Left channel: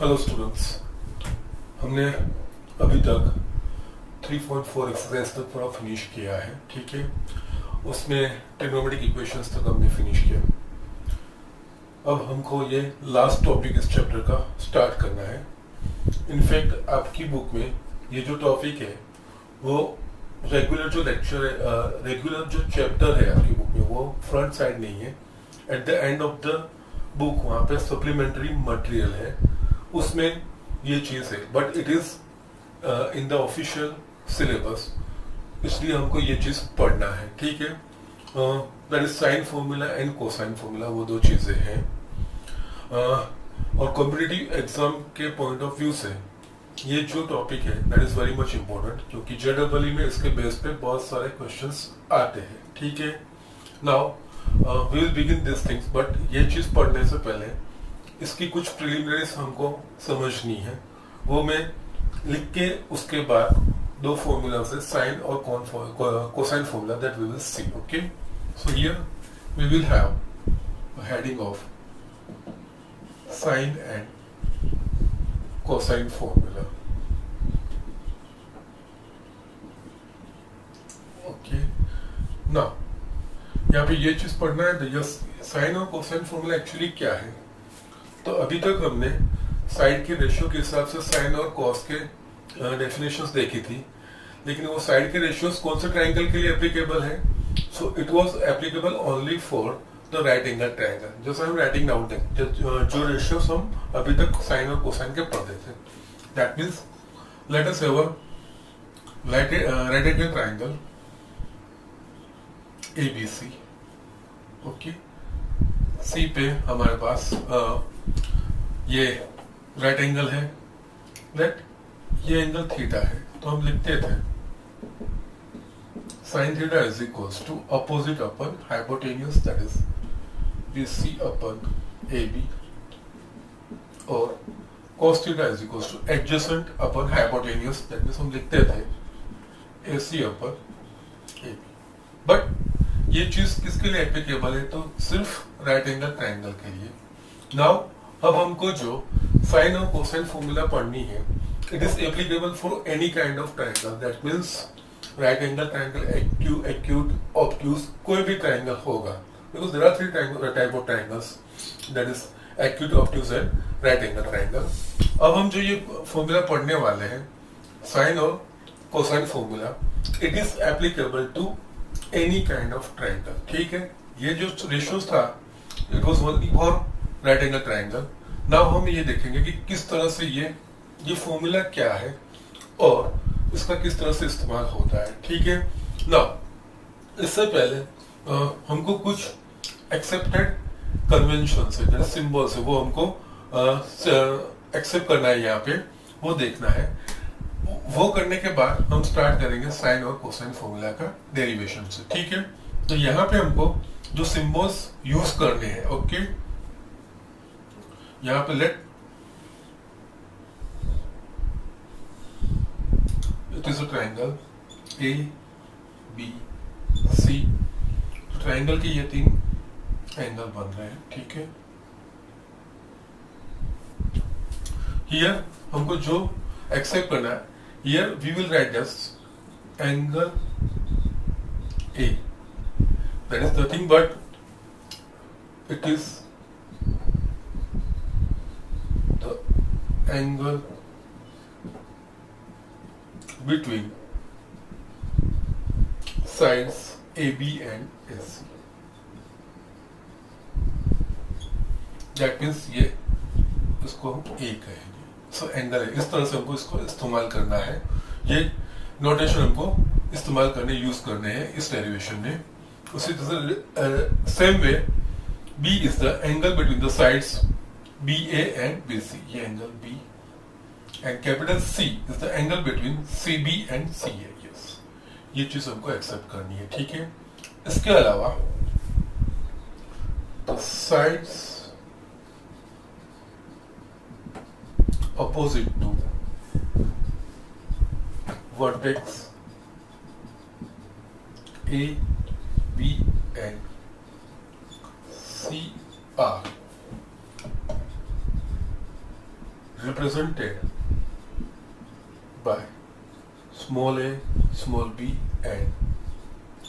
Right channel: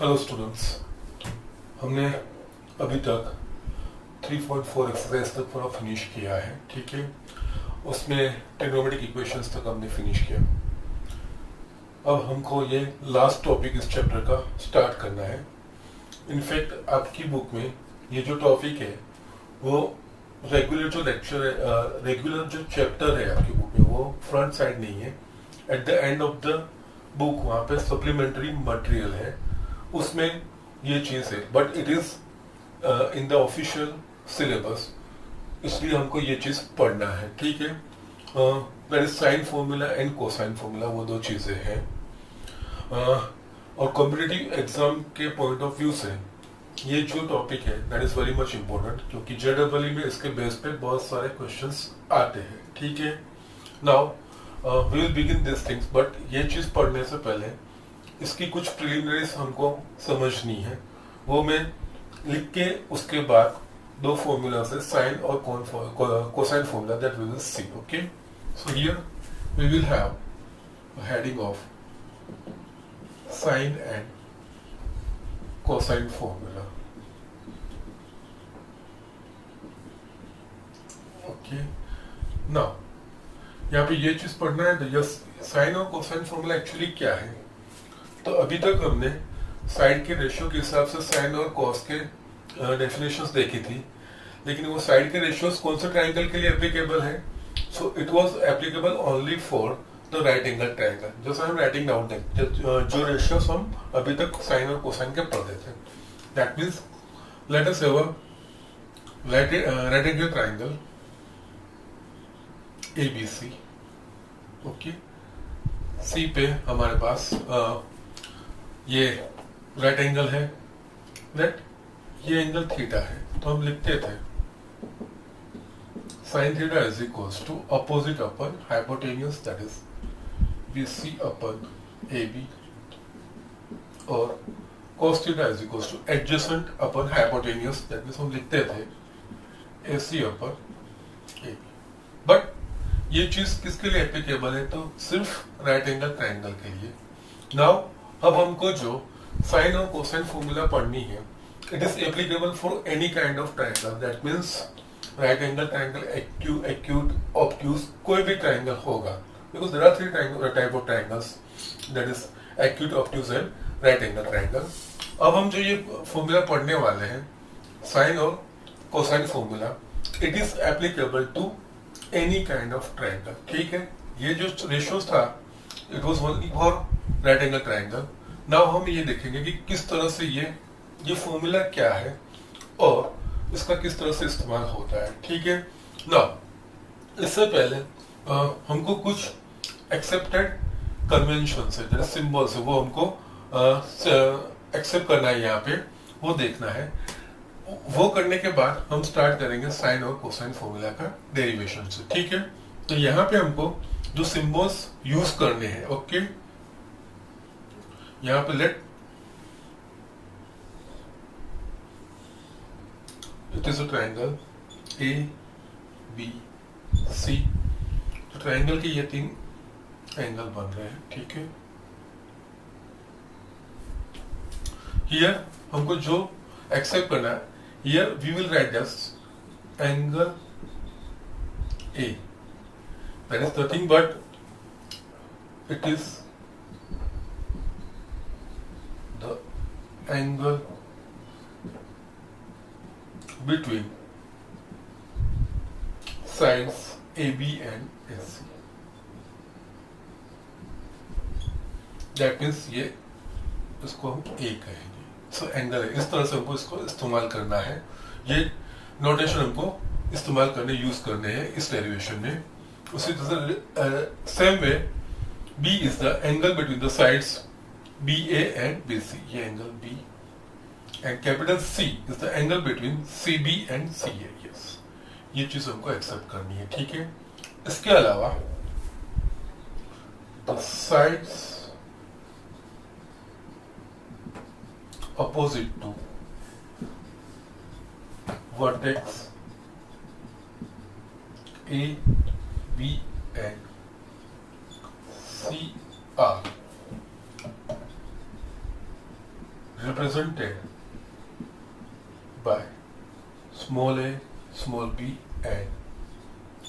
Hello students, हमने अभी तक 3.4 एक्सरसाइज तक पूरा फिनिश किया है। ठीक है, उसमें ट्रिग्नोमेट्रिक इक्वेशंस तक हमने फिनिश किया। अब हमको ये लास्ट टॉपिक इस चैप्टर का स्टार्ट करना है। इनफैक्ट आपकी बुक में ये जो टॉपिक है वो रेगुलर जो लेक्चर है, रेगुलर जो चैप्टर है आपकी बुक में वो फ्रंट साइड नहीं है। At the end of the book वहाँ पे सप्लीमेंट्री मटेरियल है, उसमें ये चीज है, but it is in the official syllabus, इसलिए हमको ये चीज पढ़ना है। ठीक है, that is sine formula and cosine formula, वो दो चीजें हैं। और कॉम्पिटिटिव एग्जाम के पॉइंट ऑफ व्यू से ये जो टॉपिक है that is very much important, क्योंकि जेडब्ल्यू में इसके बेस पे बहुत सारे क्वेश्चंस आते हैं। ठीक है, now we will begin this things, but ये चीज पढ़ने से पहले इसकी कुछ प्रिलिमिनरीज हमको समझनी है, वो मैं लिख के उसके बाद दो फॉर्मूला से साइन और cosine formula that we will see. Okay, so here we will have heading of sine and cosine formula. Okay, now यहाँ पे ये चीज पढ़ना है, तो यस साइन और कोसाइन फॉर्मूला एक्चुअली क्या है। तो अभी तक हमने साइड के रेशियो के हिसाब से साइन और कॉस के डेफिनेशंस देखी थी, लेकिन वो साइड के रेशियोस कौन से ट्रायंगल के लिए एप्लीकेबल है। So it was applicable only for the right angle triangle. जैसे हम राइटिंग डाउन तक जो रेशियोस हम अभी तक साइन और कोसाइन के पढ़ते थे, that means let us have a right angle triangle ABC। Okay, C पे हमारे पास ये राइट एंगल है, राइट, ये एंगल थीटा है, तो हम लिखते थे sine theta is equals to opposite upon hypotenuse, that is BC upon AB, और cos theta is equals to adjacent upon hypotenuse, that means हम लिखते थे AC अपन AB। बट ये चीज किसके लिए एप्लीकेबल है, तो सिर्फ राइट एंगल ट्रायंगल के लिए। नाउ अब हमको जो साइन और कोसाइन फॉर्मूला पढ़नी है, it is applicable for any kind of triangle, that means right angle triangle, acute, obtuse, कोई भी ट्रायंगल होगा, because there are three type of triangles, that is acute, obtuse and right angle triangle. अब हम जो ये formula पढ़ने वाले हैं, साइन और cosine formula, it is applicable to any kind of triangle. ठीक है, ये जो रेशियोस था it was only for right angle triangle. Now हम ये देखेंगे कि किस तरह से ये फॉर्मूला क्या है और इसका किस तरह से इस्तेमाल होता है। ठीक है, नाउ इससे पहले हमको कुछ एक्सेप्टेड कन्वेंशन है, जैसे सिंबल्स है, वो हमको एक्सेप्ट करना है, यहाँ पे वो देखना है। वो करने के बाद हम स्टार्ट करेंगे साइन और कोसाइन फॉर्मूला का डेरिवेशन से। ठीक है, तो यहाँ पे हमको जो सिंबल्स यूज करने हैं, ओके, यहाँ पे let it is a triangle ABC। तो ट्रायंगल के ये तीन एंगल बन रहे हैं। ठीक है, हियर हमको जो एक्सेप्ट करना है, here we will write as angle A, that is nothing but it is the angle between sides AB and AC, that means ये इसको हम A कहेंगे। सो एंगल है, इस तरह से हमको इसको इस्तेमाल करना है, ये नोटेशन हमको इस्तेमाल करने, यूज करने हैं इस डेरिवेशन में। उसी तरह से same way B is the angle between the sides BA and BC, ये angle B, and capital C is the angle between CB and CA। Yes, ये चीज हमको एक्सेप्ट करनी है। ठीक है, इसके अलावा the sides opposite to vertex A, B and C are represented by small a, small b and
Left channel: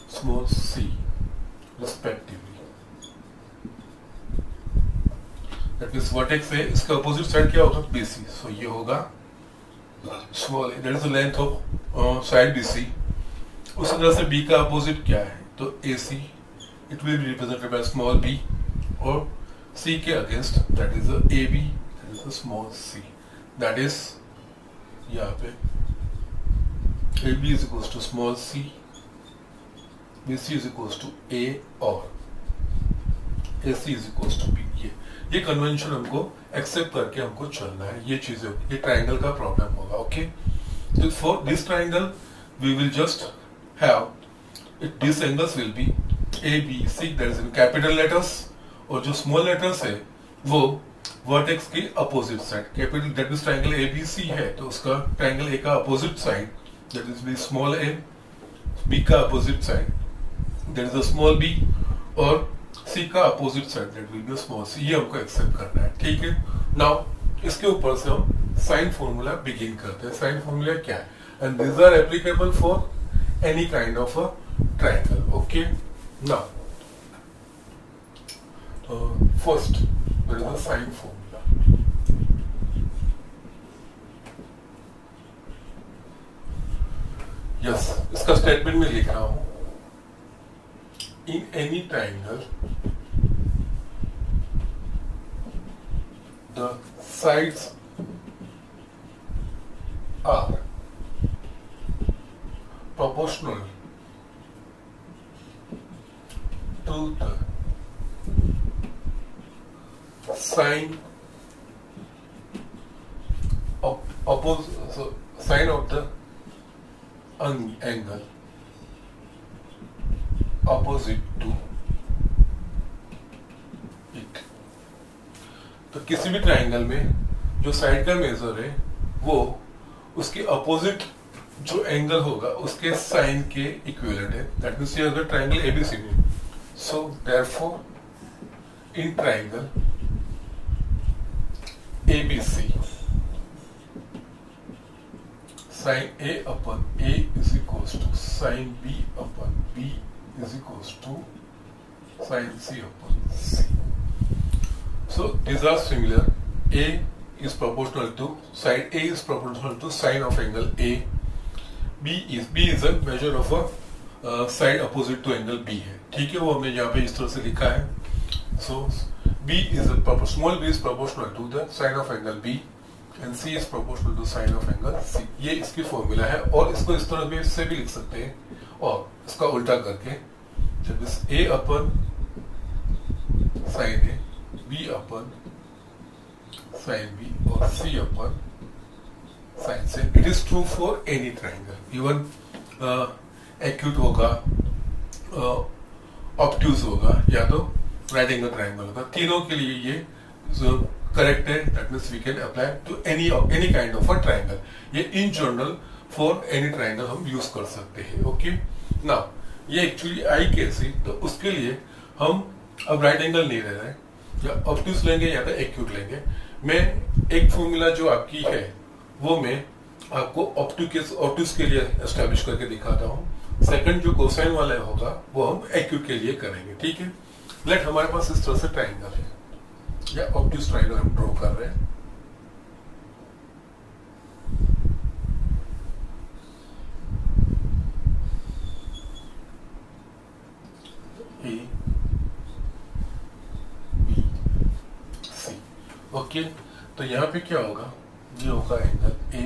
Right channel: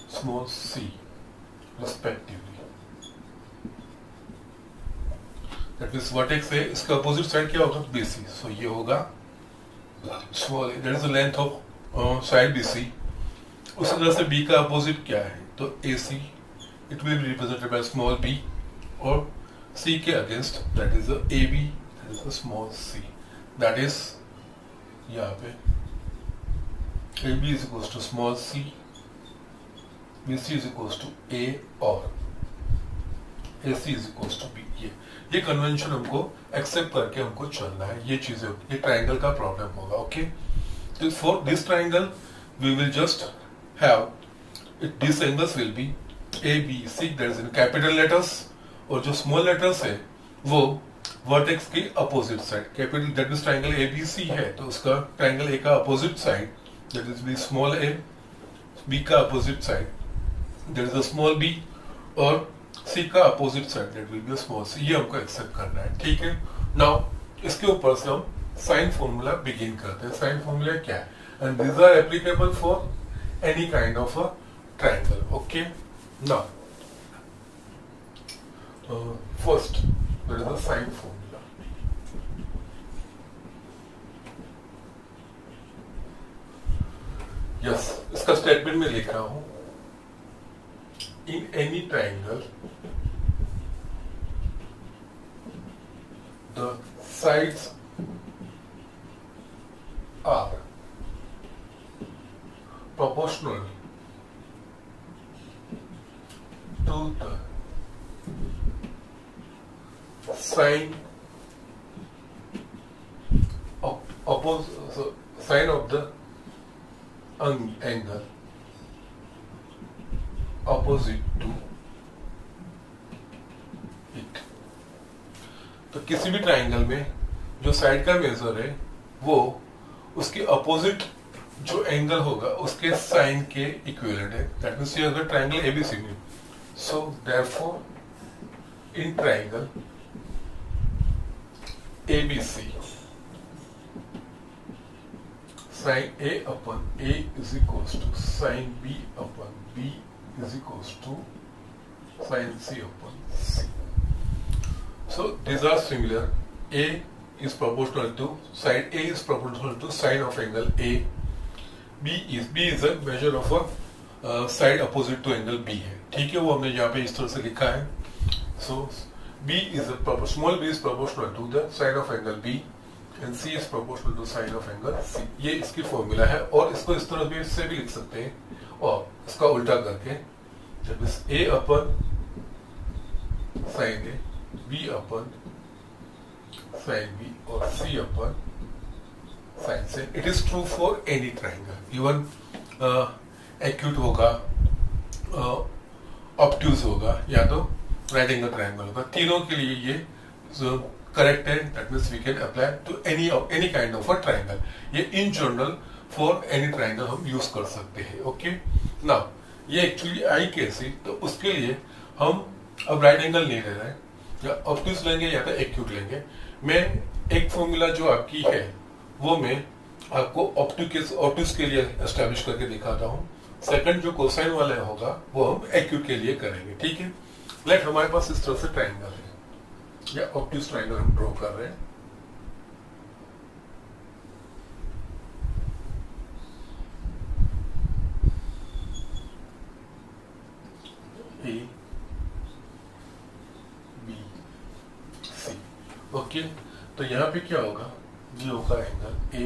small c respectively. That means vertex है, इसका अपोजिट साइड क्या होगा? BC. So ये होगा small a, that is the length of side BC. उसी तरह से B का अपोजिट क्या है? तो AC, it will be represented by small b, और C के against that is the AB, that is the small c. That is यहाँ पे AB is equals to small c, BC is equals to A और AC is equals to B. ये convention हमको accept करके हमको चलना है. ये चीजें, ये ट्राइंगल का प्रॉब्लम होगा. Okay, so for this triangle we will just have these angles will be A, B, C, that is in capital letters, और जो स्मॉल लेटर्स है वो वर्टेक्स की opposite side. Capital that is triangle ABC है, तो उसका triangle A का opposite side that is be small a, B का opposite side that is the small b, और C का opposite side that will be small c. ये हमको accept करना है. ठीक है. नाउ इसके ऊपर से हम साइन फॉर्मूला बिगिन करते हैं. साइन फॉर्मूला क्या है? And these are applicable for any kind of a triangle. Okay, now first there is the sine formula. Yes, इसका स्टेटमेंट में लिख रहा हूं. In any triangle, the sides are proportional to the sine of the angle opposite to it. तो किसी भी triangle में जो साइड का मेजर है वो उसके अपोजिट जो एंगल होगा उसके साइन के इक्विवेलेंट है. दैट मींस ये अगर ट्राइंगल ABC में, so therefore in triangle ABC, sin A upon A is equals to sin B upon B is equals to sin C upon C. So these are similar. A is proportional to side A is proportional to sine of angle A. B is a measure of a side opposite to angle B है. ठीक है, वो हमने यहाँ पे इस तरह से लिखा है. So B is small b is proportional to the sine of angle B and C is proportional to sine of angle C. ये इसकी फॉर्मूला है, और इसको इस तरह भी से भी लिख सकते हैं, और इसका उल्टा करके जब इस A upon sine A, B upon sine B और C upon sine C. It is true for any triangle. Even acute होगा, ऑब्ट्यूज होगा, या तो राइट एंगल ट्राइंगल होगा. तीनों के लिए ये जो करेक्ट है. That means we can apply to any kind of a triangle. ये in general for any triangle हम यूज कर सकते हैं. ओके, नाउ ये एक्चुअली आई कैसे, तो उसके लिए हम अब राइट एंगल नहीं ले रहे हैं, या ऑब्ट्यूज लेंगे या तो एक्यूट लेंगे. मैं एक फॉर्मूला जो आपकी है वो मैं आपको ऑब्ट्यूज के लिए एस्टेब्लिश करके दिखाता हूँ. सेकंड जो कोसाइन वाला होगा वो हम एक्यूट के लिए करेंगे. ठीक है. लेट हमारे पास इस तरह से ट्राइंगल है, या ऑब्ट्यूज ट्राइंगल हम ड्रॉ कर रहे हैं. A, B, C. ओके, तो यहाँ पे क्या होगा? ये होगा एंगल A,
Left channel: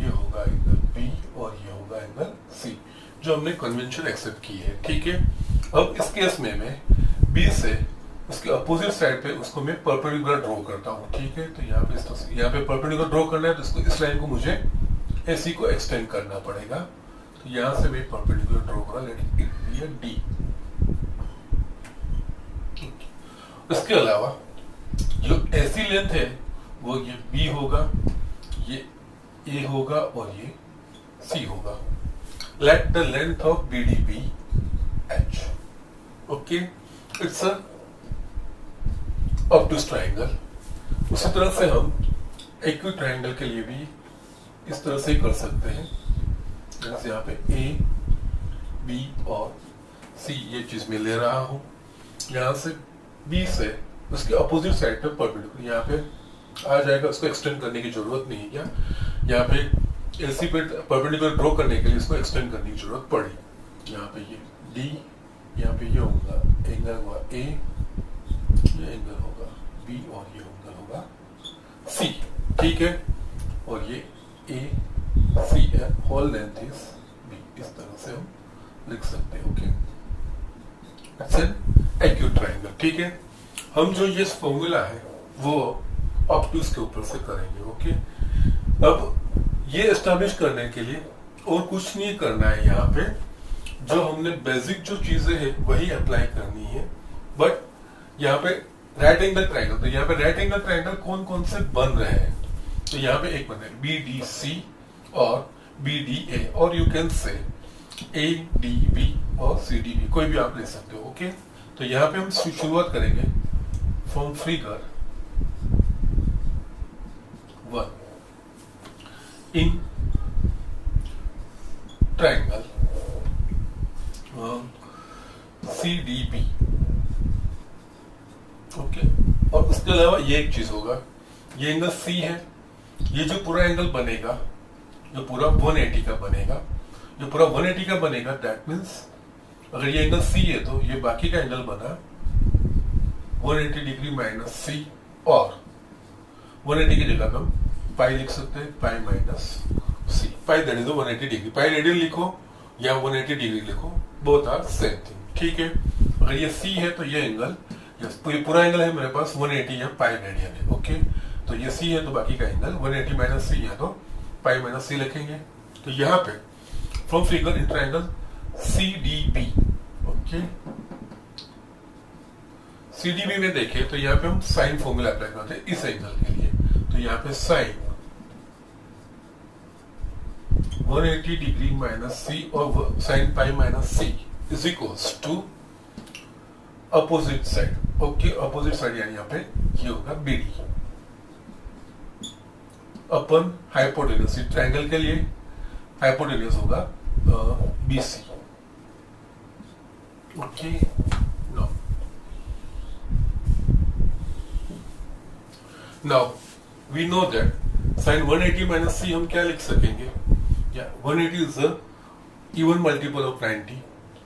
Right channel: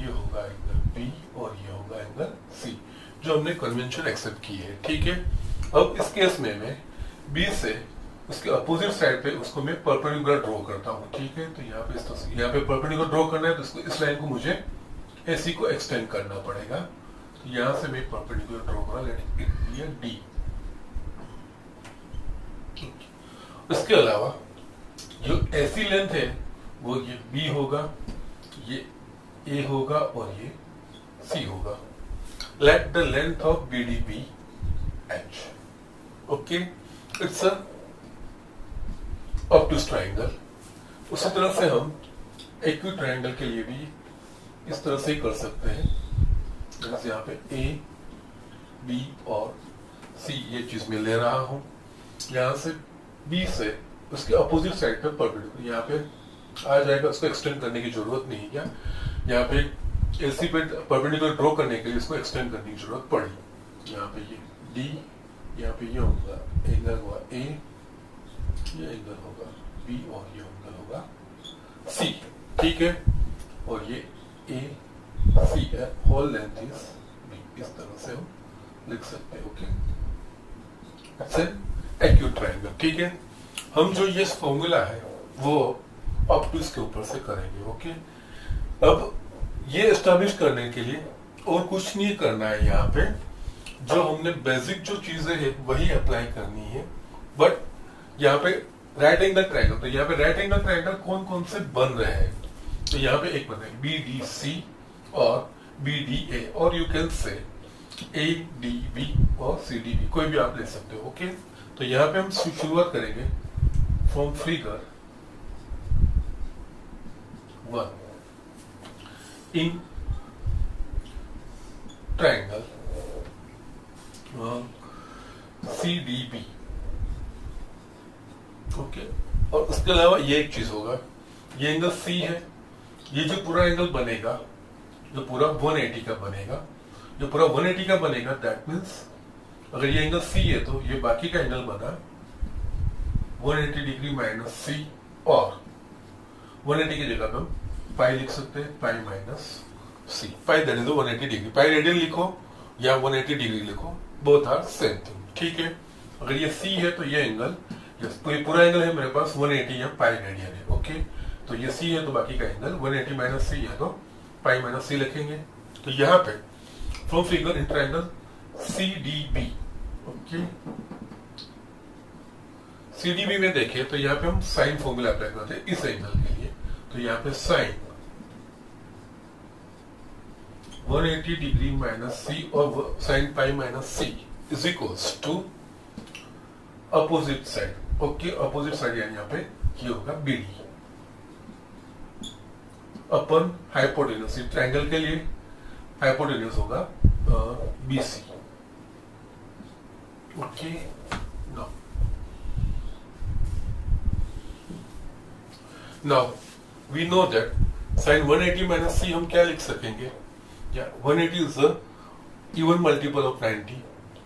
ये होगा एंगल B, और ये होगा एंगल C, जो हमने कन्वेंशन एक्सेप्ट की है. ठीक है. अब इस केस में मैं B से उसके अपोजिट साइड पे उसको मैं परपेंडिकुलर ड्रॉ करता हूँ. ठीक है. तो यहाँ पे यहाँ पे परपेंडिकुलर ड्रॉ करना है, तो इसको इस लाइन को मुझे AC को एक्सटेंड करना पड़ेगा. तो यहाँ से मैं परपेंडिकुलर ड्रॉ करा, let it be a D. इसके अलावा जो ऐसी लेंथ है वो ये B होगा, ये A होगा, और ये C होगा. Let the length of BD be H. Okay, it's a obtuse triangle. उसी तरह से हम एक्यूट ट्रायंगल के लिए भी इस तरह से कर सकते हैं, जैसे यहाँ पे ए बी और सी ये चीज में ले रहा हूं, यहाँ से बी से उसके अपोजिट साइड पर परपेंडिकुलर यहाँ पे आ जाएगा, उसको एक्सटेंड करने की जरूरत नहीं है। क्या यहाँ पे एलसी पे परपेंडिकुलर ड्रॉ करने के लिए इसको एक्सटेंड करने की जरूरत पड़ी। यहाँ पे ये डी, यहाँ पे ये होगा एंगल हुआ ए, ये एंगल होगा बी और ये एंगल होगा सी, ठीक है। और ये ए सी है, होल लेंथ इज बी, इस तरह से हम लिख सकते हैं। ओके, एक्यूट ट्रायंगल, ठीक है। हम जो ये फॉर्मूला है वो ऑप्टिक्स के ऊपर से करेंगे। ओके, अब ये एस्टैब्लिश करने के लिए और कुछ नहीं करना है, यहाँ पे जो हमने बेसिक जो चीजें हैं वही अप्लाई करनी है। बट यहाँ पे राइट एंगल ट्रायंगल, तो यहाँ पे राइट एंगल ट्रायंगल कौन कौन से बन रहे हैं, तो यहाँ पे एक बना है बी डी सी और बी डी ए, और you can say A D B और सी डी बी, कोई भी आप ले सकते हो। ओके, तो यहाँ पे हम शुरुआत करेंगे from figure 1 in triangle C D B. Okay, और उसके अलावा ये एक चीज होगा, ये एंगल सी है, ये जो पूरा एंगल बनेगा, जो पूरा 180 का बनेगा, जो पूरा 180 का बनेगा, दैट मीन्स अगर ये एंगल सी है तो ये बाकी का एंगल बना 180 डिग्री माइनस सी, और 180 की जगह पे हम पाई लिख सकते हैं, pi minus C, pi that is 180 degree, pi radian लिखो या 180 डिग्री लिखो, बोथ आर सेम थिंग, ठीक है। अगर ये सी है तो ये एंगल, ये पूरा एंगल है मेरे पास 180 या पाई रेडियन है। ओके, तो ये सी है तो बाकी का एंगल 180 माइनस सी है तो पाई माइनस सी लिखेंगे। तो यहाँ पे from figure in triangle C D B, okay, C D B में देखें तो यहाँ पे हम साइन फॉर्मूला अप्लाई करते हैं इस एंगल के लिए। तो यहाँ पे साइन 180 डिग्री माइनस सी और sine pi minus C is equals to opposite side. Okay, opposite side यानी यहाँ पे ये होगा B D upon hypotenuse, triangle के लिए हाइपोटेन्यूज होगा B C. Okay, now we know that sine 180 minus C हम क्या लिख सकेंगे, या 180 is the even multiple of 90,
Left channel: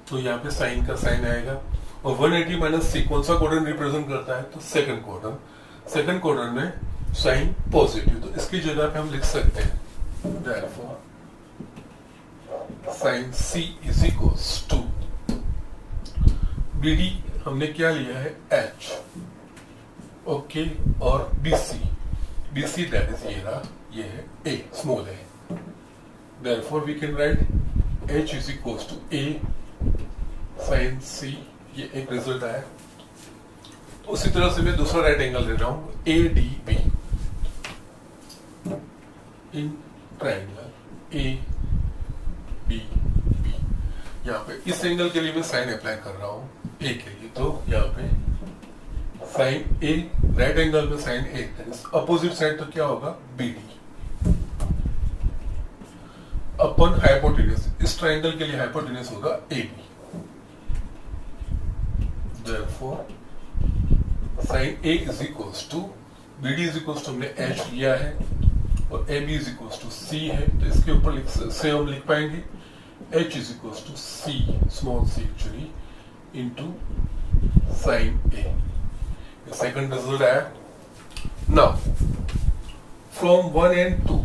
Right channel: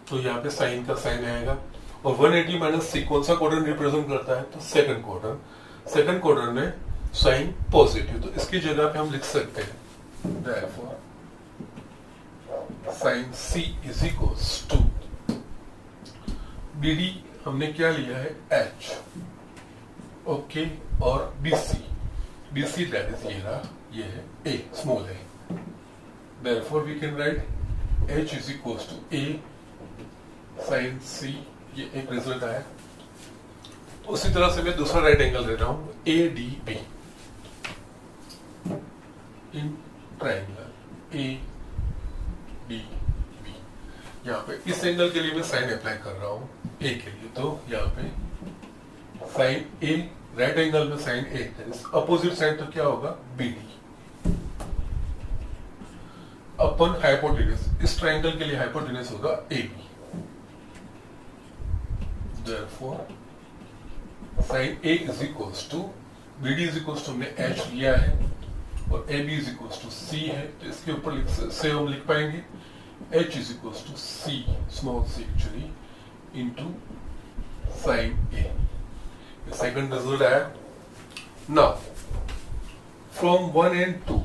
तो यहाँ पे साइन का साइन आएगा। और 180 माइनस सी कौन सा क्वाड्रेंट रिप्रेजेंट करता है, तो सेकंड क्वाड्रेंट, सेकंड क्वाड्रेंट में साइन पॉजिटिव, तो इसकी जगह पे हम लिख सकते हैं therefore sine C is equals to B D हमने क्या लिया है एच, ओके, और बी सी दैट इज ये रहा, ये है ए, स्मॉल है, therefore we can write h is equals to a sin c, ये एक रिजल्ट आया। उसी तरह से मैं दूसरा राइट एंगल ले रहा हूं A D B in triangle A D B, यहाँ पे इस एंगल के लिए मैं साइन अप्लाई कर रहा हूं ए के लिए, तो यहाँ पे साइन ए, राइट एंगल में साइन ए, अपोजिट साइड तो क्या होगा बी डी अपन हाइपोटेन्यूज, इस ट्रायंगल के लिए हाइपोटेन्यूज होगा A B, therefore sin A is equals to BD is equals to हमने H लिया है और AB is equals to C है, तो इसके ऊपर से हम लिख पाएंगे H is equals to C, small c actually, into sin A। Second result आया। नाउ फ्रॉम 1 and 2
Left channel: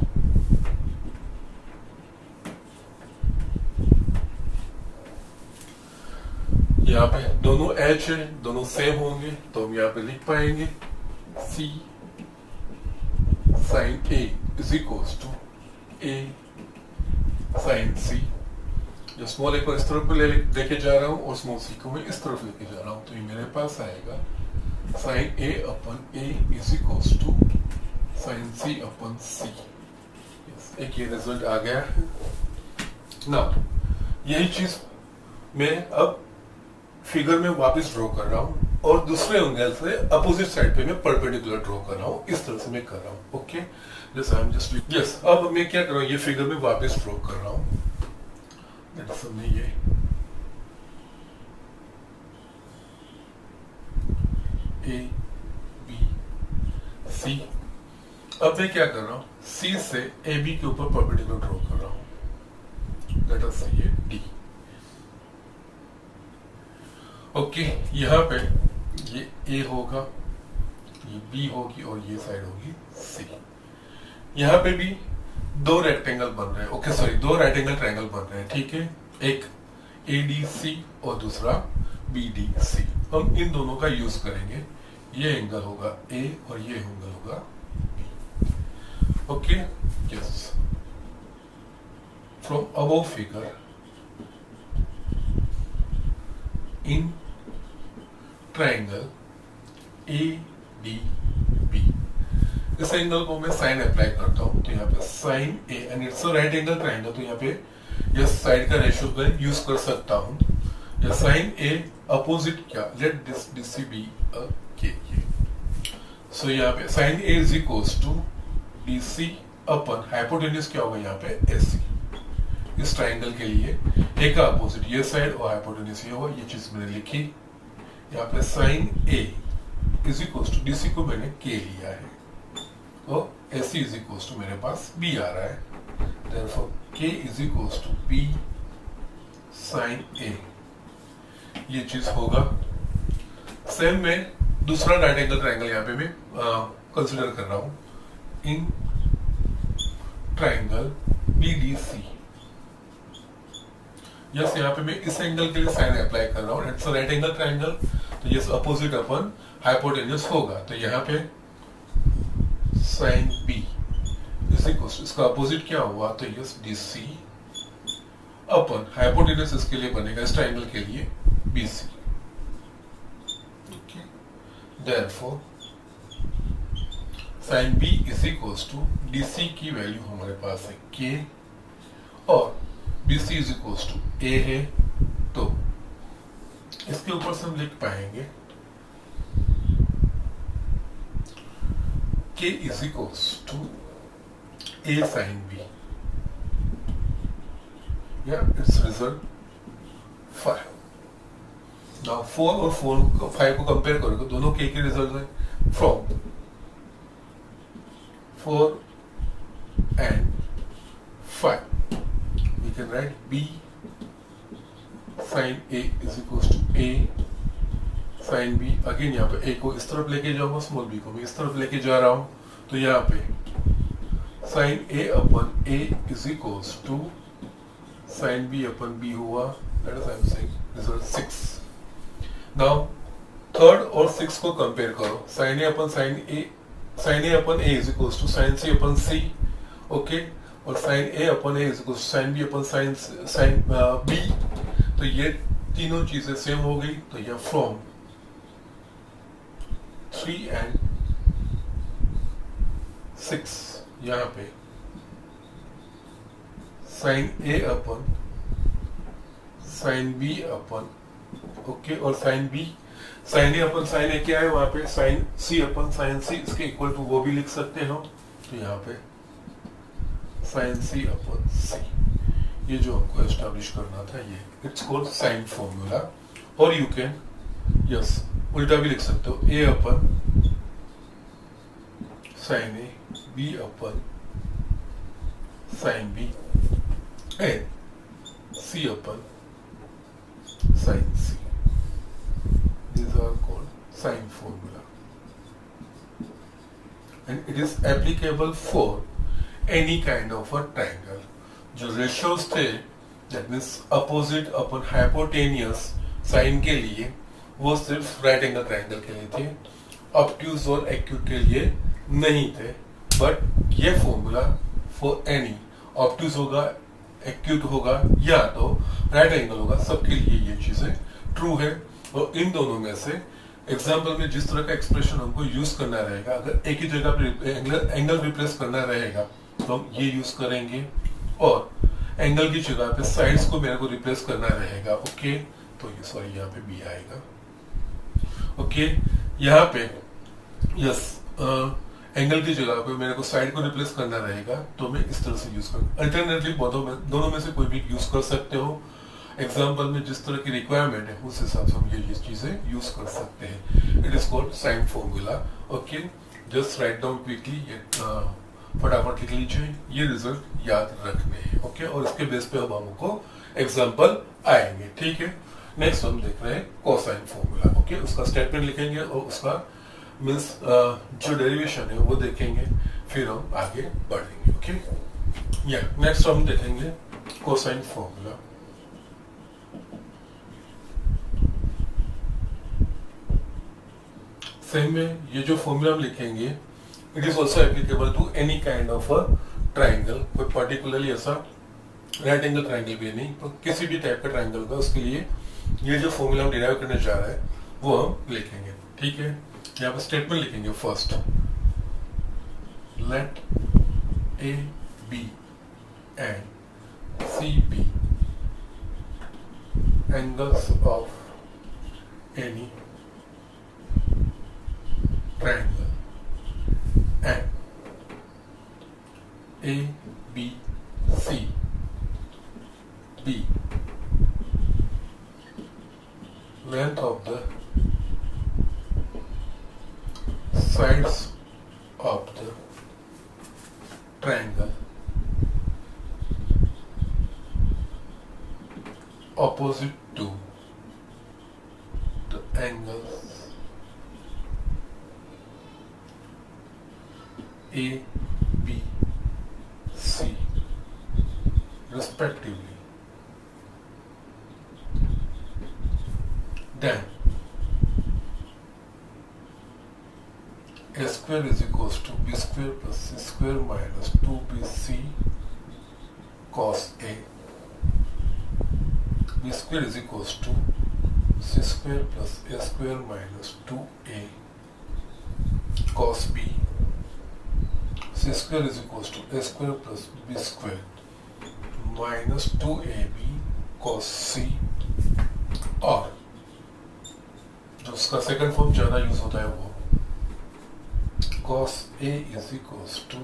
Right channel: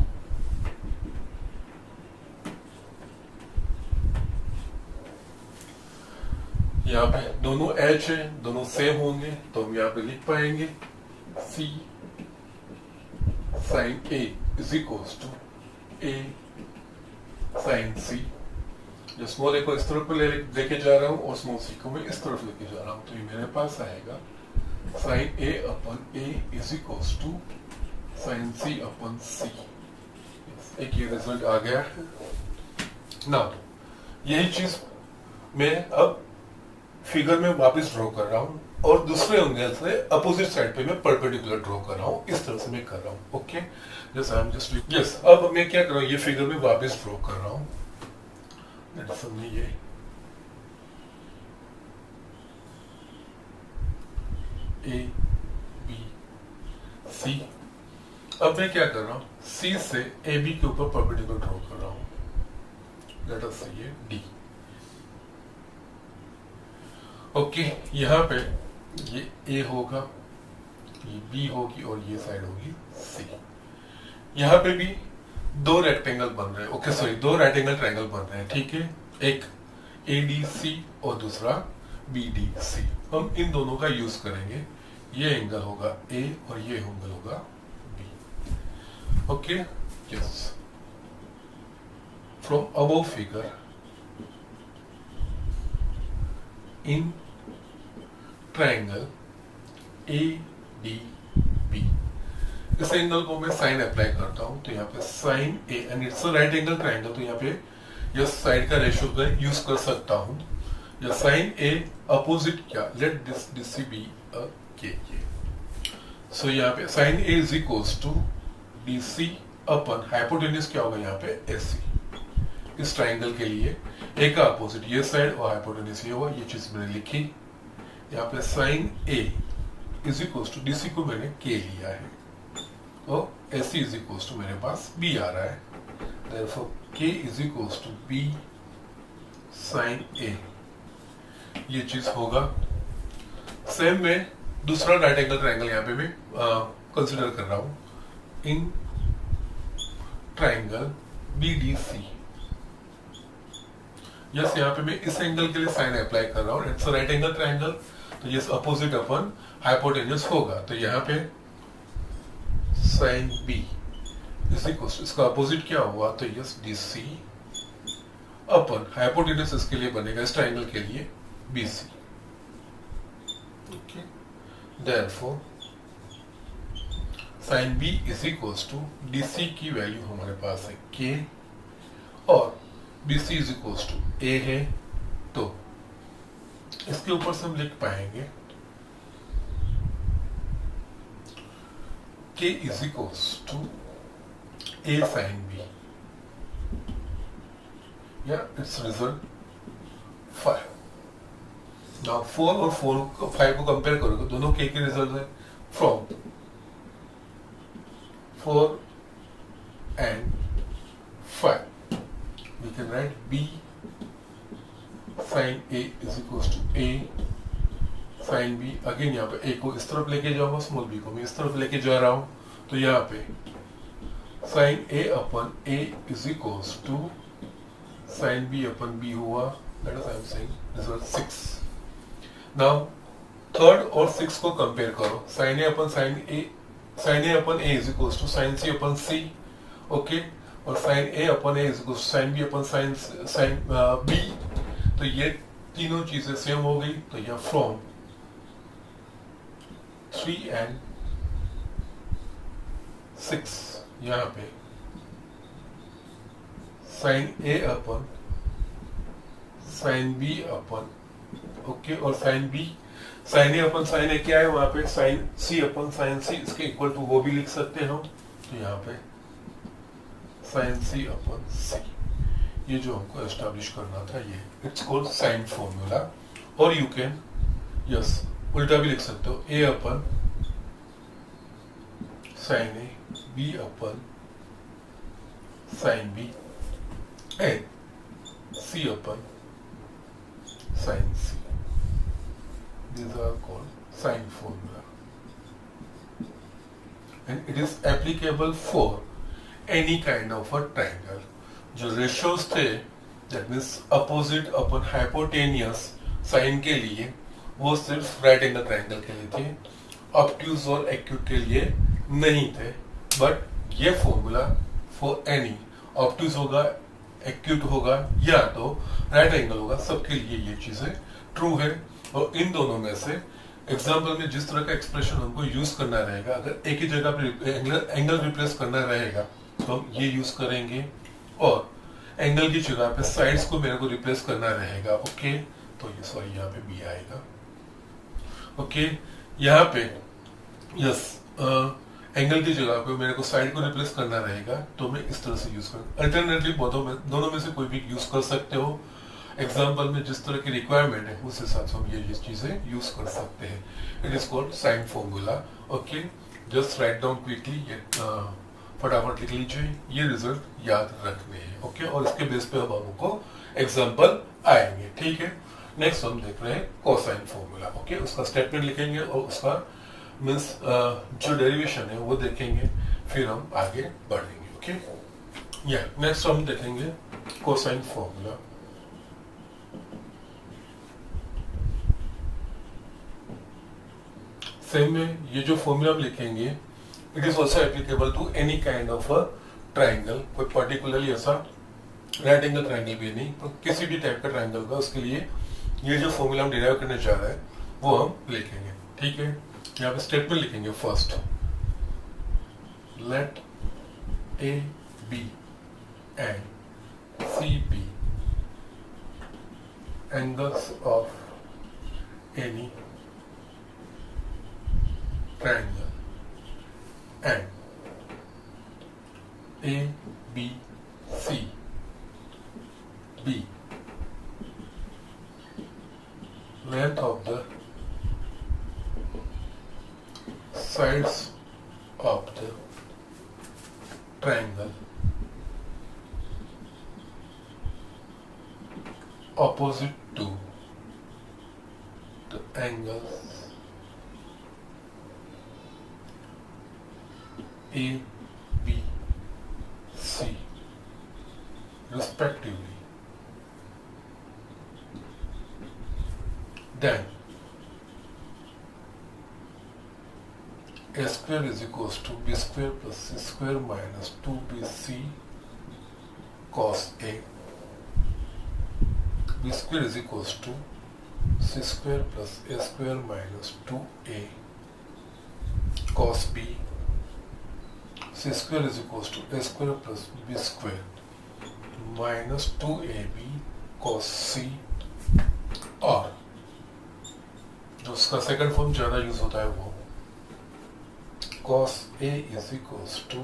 यहाँ पे दोनों h है, दोनों सेम होंगे, तो हम यहाँ पे लिख पाएंगे c sin a is equals to a sin c। जो स्मॉल ए को इस तरफ पे लेके जा रहा हूँ और स्मॉल सी को मैं इस तरफ लेके जा रहा हूँ, तो ये मेरे पास आएगा sin a upon a is equals to sin c upon c। एक ये रिजल्ट आ गया है। नाउ यही चीज मैं अब फिगर में वापस ड्रॉ कर रहा हूं। और दूसरे एंगल से अपोजिट साइड पे मैं परपेंडिकुलर ड्रॉ कर रहा हूँ, इस तरह से मैं कर रहा हूँ। ओके, जैसे आई एम जस्ट यस। अब मैं क्या कर रहा हूँ, ये फिगर में वापस ड्रॉ कर रहा हूँ। ये ए बी सी। अब मैं क्या कर रहा हूँ, सी से ए बी के ऊपर परपेंडिकुलर ड्रॉ कर रहा हूँ, लेट अस से ये डी। ओके, यहाँ पे ये ए होगा, ये बी होगी और ये साइड होगी सी। यहाँ पे भी दो रेक्टेंगल बन रहे हैं, ओके सॉरी, दो राइट एंगल ट्रायंगल बन रहे हैं, ठीक है। एक ADC और दूसरा BDC। हम इन दोनों का यूज करेंगे। ये एंगल होगा A और ये एंगल होगा B। Okay, yes. From above figure in triangle ADB, इस एंगल को मैं साइन अप्लाई करता हूं, तो यहाँ पे sine A and it's a right angle triangle, तो यहाँ पे यह साइड का रेशियो मैं यूज कर सकता हूं। या साइन A अपोजिट क्या, let this DC be a K। So यहाँ पे sine A is equals to DC upon hypotenuse क्या होगा यहाँ पे AC। इस ट्रायंगल के लिए A का अपोजिट ये साइड और हाइपोटेन्यूज ये होगा, ये चीज मैंने लिखी। यहाँ पे sine A is equals to DC को मैंने K लिया है, तो AC इज इक्वल्स टू मेरे पास B आ रहा है, therefore K is equals to B sine A। ये चीज होगा। सेम में दूसरा राइट एंगल ट्रायंगल यहाँ पे मैं कंसिडर कर रहा हूं, इन ट्रायंगल BDC। यस, यहाँ पे मैं इस एंगल के लिए साइन अप्लाई कर रहा हूँ, it's a right angle triangle, तो ये अपोजिट अपन हाइपोटेन्यूज होगा, तो यहाँ पे sine B is equal to, इसका अपोजिट क्या हुआ, तो यस DC अपन हाइपोटेन्यूज इसके लिए बनेगा, इस ट्रायंगल के लिए BC। Okay, therefore sine B is equal to DC की वैल्यू हमारे पास है K और BC is equal to A है, तो इसके ऊपर से हम लिख पाएंगे K is equal to A sine B, या इट्स रिजल्ट 5। नाउ 4 और 5 को कंपेयर करोगे, दोनों K के रिजल्ट है। From 4 and 5 we can write B sin A is equals to A sin B। Again यहाँ पे A को इस तरफ लेके जाऊंगा, स्मॉल b को मैं इस तरफ लेके जा रहा हूं, तो यहाँ पे sin A upon A is equals to sin B upon B हुआ, that is I am saying result 6। now third और 6 को कंपेयर करो, sin A upon sin A upon A is equals to sin C upon C, okay, और sin A upon A is equals to sin B upon sin B, तो ये तीनों चीजें same हो गई। तो यह फ्रॉम 3 एंड 6 यहाँ पे sin A upon sin B upon, okay, और sin B sin A upon sin A क्या है, वहां पे sin C अपन sin C इसके इक्वल टू वो भी लिख सकते हैं हम, तो यहाँ पे sin C अपन C, ये जो हमको एस्टैब्लिश करना था, ये इट्स कॉल्ड साइन फॉर्मूला। और यू कैन यस उल्टा भी लिख सकते हो, A upon sin A, B upon sin B and C upon sin C। These are called sine formula and it is applicable for any kind of a triangle। जो ratios थे, that means opposite upon hypotenuse sine के लिए, वो सिर्फ right angle triangle के लिए थे, obtuse और एक्यूट के लिए नहीं थे। बट ये फॉर्मूला फॉर एनी ऑब्ट्यूज होगा, एक्यूट होगा या तो राइट एंगल होगा, सबके लिए ये चीजें ट्रू है। और इन दोनों में से एग्जाम्पल में जिस तरह का एक्सप्रेशन हमको यूज करना रहेगा, अगर एक ही जगह पे एंगल रिप्लेस करना रहेगा तो हम ये यूज करेंगे, और एंगल की जगह पे साइड्स को मेरे को रिप्लेस करना रहेगा, ओके, तो ये सॉरी यहाँ पे बी आएगा। ओके, यहाँ पे यस एंगल की जगह पे मेरे को साइड को रिप्लेस करना रहेगा तो मैं इस तरह से यूज करूँ। अल्टरनेटली दोनों में से कोई भी यूज कर सकते हो। एग्जाम्पल में जिस तरह की रिक्वायरमेंट है उस हिसाब से हम ये चीजें यूज कर सकते हैं। It is called sine formula. Okay, just write down quickly, ये फटाफट लिख लीजिए, ये रिजल्ट याद रखने हैं। ओके, और इसके बेस पे अब हमको एग्जाम्पल आएंगे। ठीक है, नेक्स्ट हम देख रहे हैं कोसाइन फॉर्मूला। ओके, उसका स्टेटमेंट लिखेंगे और उसका मीन्स जो डेरिवेशन है वो देखेंगे, फिर हम आगे बढ़ेंगे। ओके, या नेक्स्ट हम देखेंगे कोसाइन फॉर्मूला। सेम में ये जो फॉर्मूला हम लिखेंगे, it is also applicable to any kind of a triangle. कोई पर्टिकुलरली ऐसा राइट एंगल ट्राइंगल भी नहीं, तो किसी भी टाइप का ट्राइंगल का उसके लिए ये जो फॉर्मूला हम डिराइव करने जा रहे हैं वो हम लिखेंगे। ठीक है, यहाँ पे स्टेटमेंट लिखेंगे। First, let A B and C be angles of any triangle and A, B, C, B length of the sides of the triangle opposite to the angles A, B, C respectively. Then A square is equals to B square plus C square minus 2BC cos A. B square is equals to C square plus A square minus 2A cos B. C square is equals to A square plus B square minus 2AB cos C, और जो उसका second form ज्यादा use होता है वो cos A is equals to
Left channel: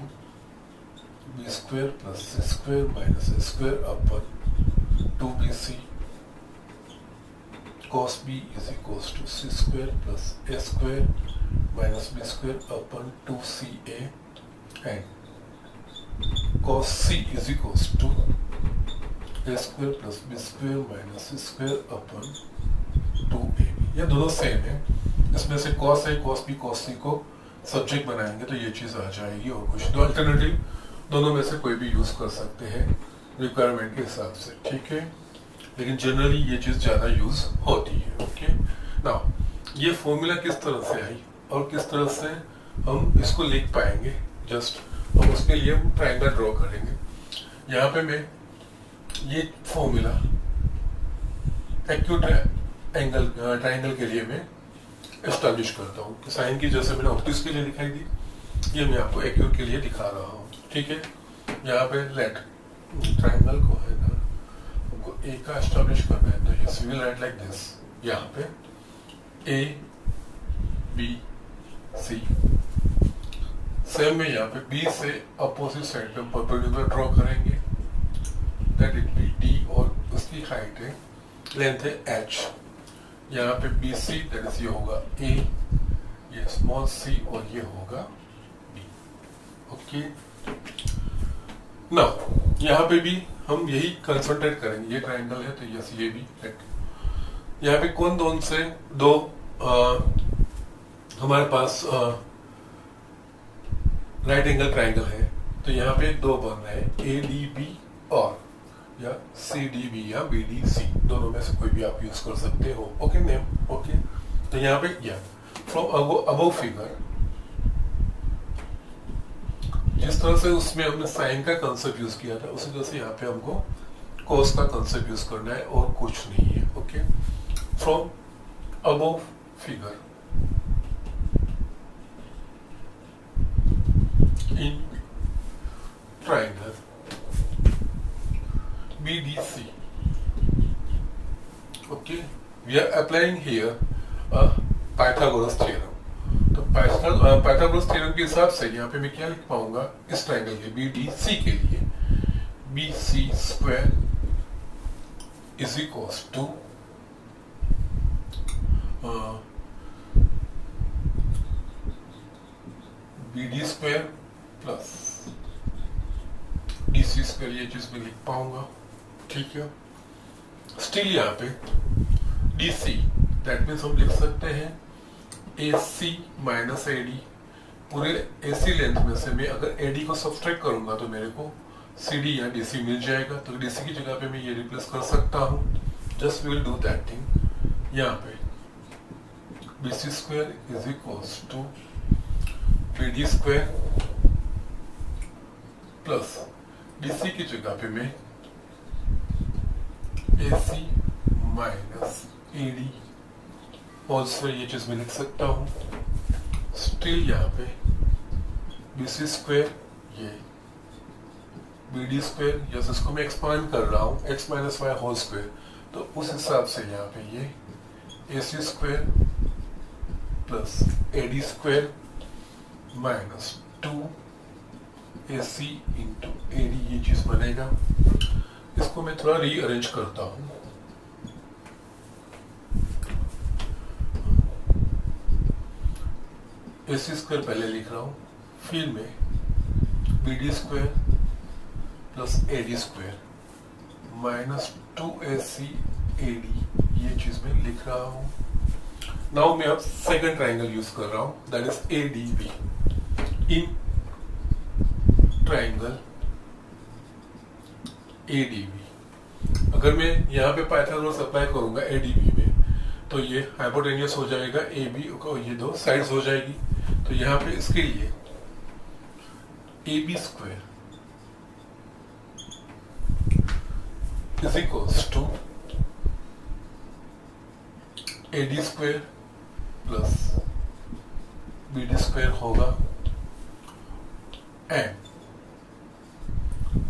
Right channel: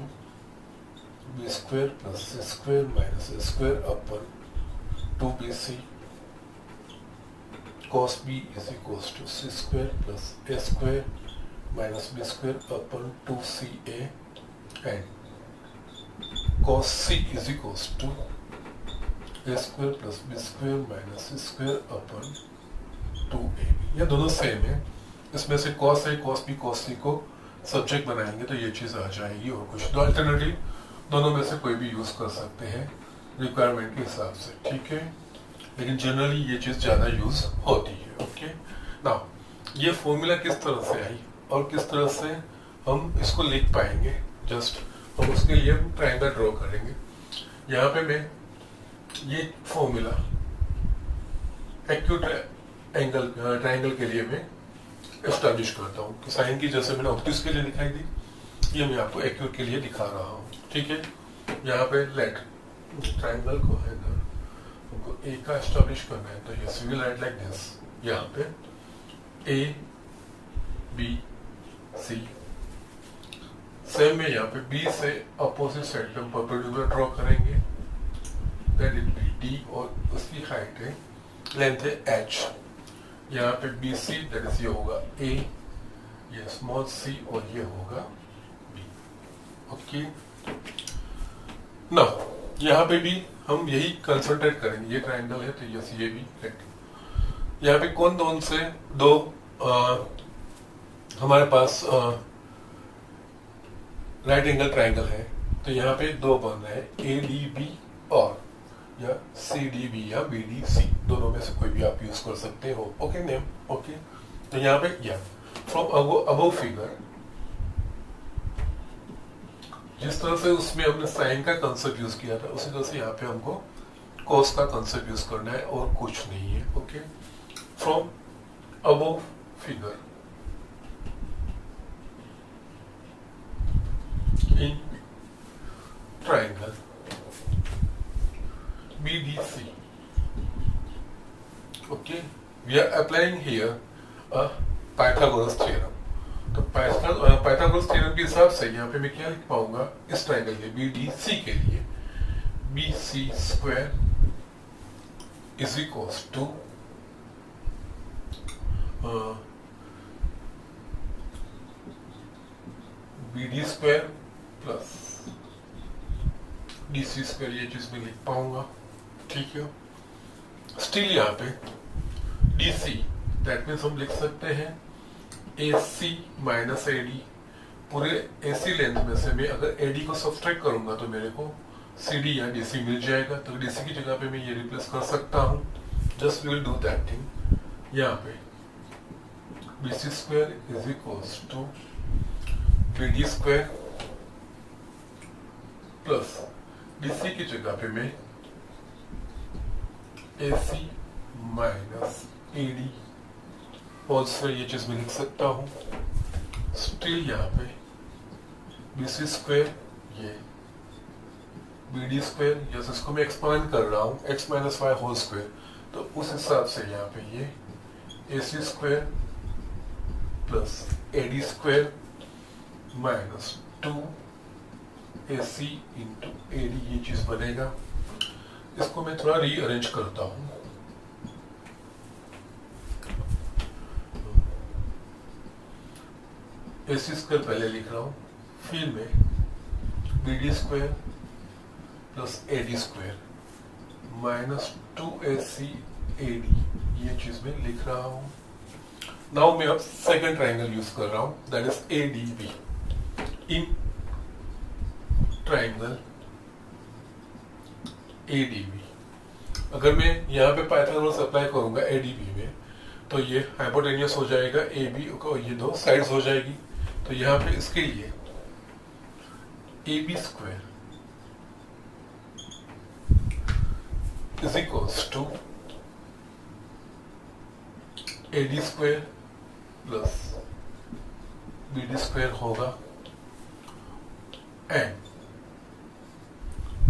B square plus C square minus A square upon 2BC cos B is equals to C square plus A square minus B square upon 2CA and cos C is equals to A square plus B square minus C square upon 2AB। ये दोनों same है, इसमें से cos A, cos B, cos C को subject बनाएंगे तो ये चीज आ जाएगी। और कुछ तो अल्टरनेटिव दोनों में से कोई भी यूज कर सकते हैं रिक्वायरमेंट के हिसाब से। ठीक है, लेकिन जनरली ये चीज ज्यादा यूज होती है। ओके, नाउ ये फॉर्मूला किस तरह से आई और किस तरह से हम इसको लिख पाएंगे, जस्ट हम उसके लिए हम ट्रायंगल ड्रॉ करेंगे। यहाँ पे मैं ये फॉर्मूला एक्यूट एंगल ट्रायंगल के लिए मैं एस्टैब्लिश करता हूँ। तो साइन की जैसे मैंने ऑब्ट्यूज के लिए दिखाई दी, ये मैं आपको एक्यूट के लिए दिखा रहा हूँ। ठीक है, यहाँ पे लेट ट्रायंगल को है ना हमको ए का एस्टैब्लिश करना है, तो yes we will write like this. यहाँ पे ए बी सी, सेम में यहाँ पे बी से अपोजिट साइड पे परपेंडिकुलर ड्रॉ करेंगे, दैट इट बी डी, और उसकी हाइट है लेंथ है एच। यहाँ पे बी सी दैट इज ये होगा ए, ये स्मॉल सी, और ये होगा बी। ओके, नाउ यहाँ पे भी हम यही कंसंट्रेट करेंगे। ये ट्रायंगल है तो यस ये भी है। यहाँ पे कौन से दो हमारे पास राइट एंगल ट्रायंगल है, तो यहाँ पे दो बन रहे हैं, ए डी बी और या सी डी बी या बी डी सी, दोनों में से कोई भी आप यूज कर सकते हो। ओके नेम, ओके, तो यहाँ पे या फ्रॉम अबव फिगर, जिस तरह से उसमें हमने साइन का कंसेप्ट यूज किया था उसी तरह से यहाँ पे हमको कॉस का कंसेप्ट यूज करना है और कुछ नहीं है। Okay, from above figure in triangle BDC, okay, we are applying here a Pythagoras theorem. तो पाइथागोरस थ्योरम के हिसाब से यहाँ पे मैं क्या लिख पाऊंगा इस ट्राइंगल के BDC के लिए, BC square is equals to BD square plus DC square, ये चीज मैं लिख पाऊंगा। ठीक है, स्टिल यहाँ पे DC दैट मीन्स हम लिख सकते हैं AC माइनस AD। पूरे AC लेंथ में से मैं अगर AD को सब्सट्रैक्ट करूंगा तो मेरे को CD या DC मिल जाएगा। तो DC की जगह पे मैं ये रिप्लेस कर सकता हूँ। Just we will do that thing. यहाँ पे BC square is equals to BD square plus DC की जगह पे मैं AC minus AD whole square, ये चीज मैं लिख सकता हूँ। स्टिल यहाँ पे BC स्क्वायर ये BD स्क्वायर, जैसे इसको मैं एक्सपांड कर रहा हूँ x minus y whole square, तो उस हिसाब से यहाँ पे ये AC square plus AD square minus 2AC into AD, ये चीज बनेगा। इसको मैं थोड़ा रीअरेंज करता हूं। AC स्क्वायर पहले लिख रहा हूं, फिर मैं BD square plus AD square minus 2AC AD, ये चीज मैं लिख रहा हूं। नाउ मैं अब सेकंड ट्राइंगल यूज कर रहा हूं, that is ADB। In triangle ADB अगर मैं यहाँ पे पाइथागोरस अप्लाई करूंगा ADB में, तो ये हाइपोटेनियस हो जाएगा, AB को ये दो साइड्स हो जाएगी। तो यहाँ पे इसके लिए AB square is equals to AD square plus BD square होगा। एंड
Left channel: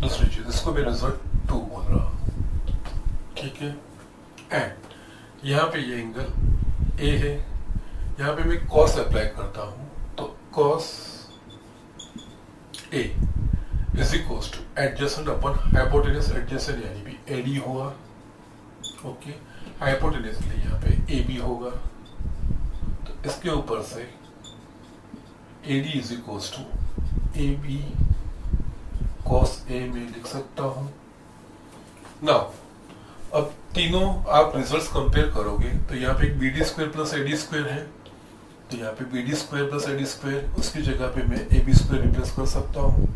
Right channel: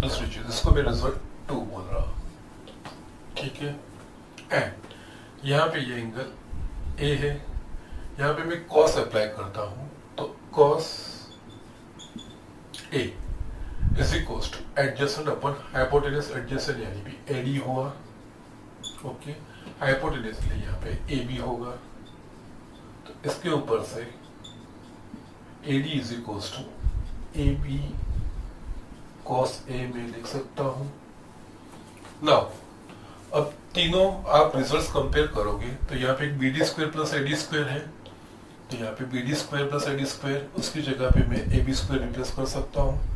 दूसरी चीज, इसको मैं रिजल्ट 2 बोल रहा हूं। ठीक है, एंड यहाँ पे ये एंगल A है, यहाँ पे मैं कॉस अप्लाई करता हूं, तो cos A is equals to adjacent upon hypotenuse adjacent, यानी भी AD हुआ। ओके, हाइपोटेनस के लिए यहाँ पे AB होगा। तो इसके ऊपर से AD is equals to AB cos A में लिख सकता हूं। नाउ अब तीनों आप रिजल्ट्स कंपेयर करोगे तो यहाँ पे BD square plus AD square है, तो यहाँ पे BD square plus AD square, उसकी जगह पे मैं AB स्क्वायर रिप्लेस कर सकता हूँ।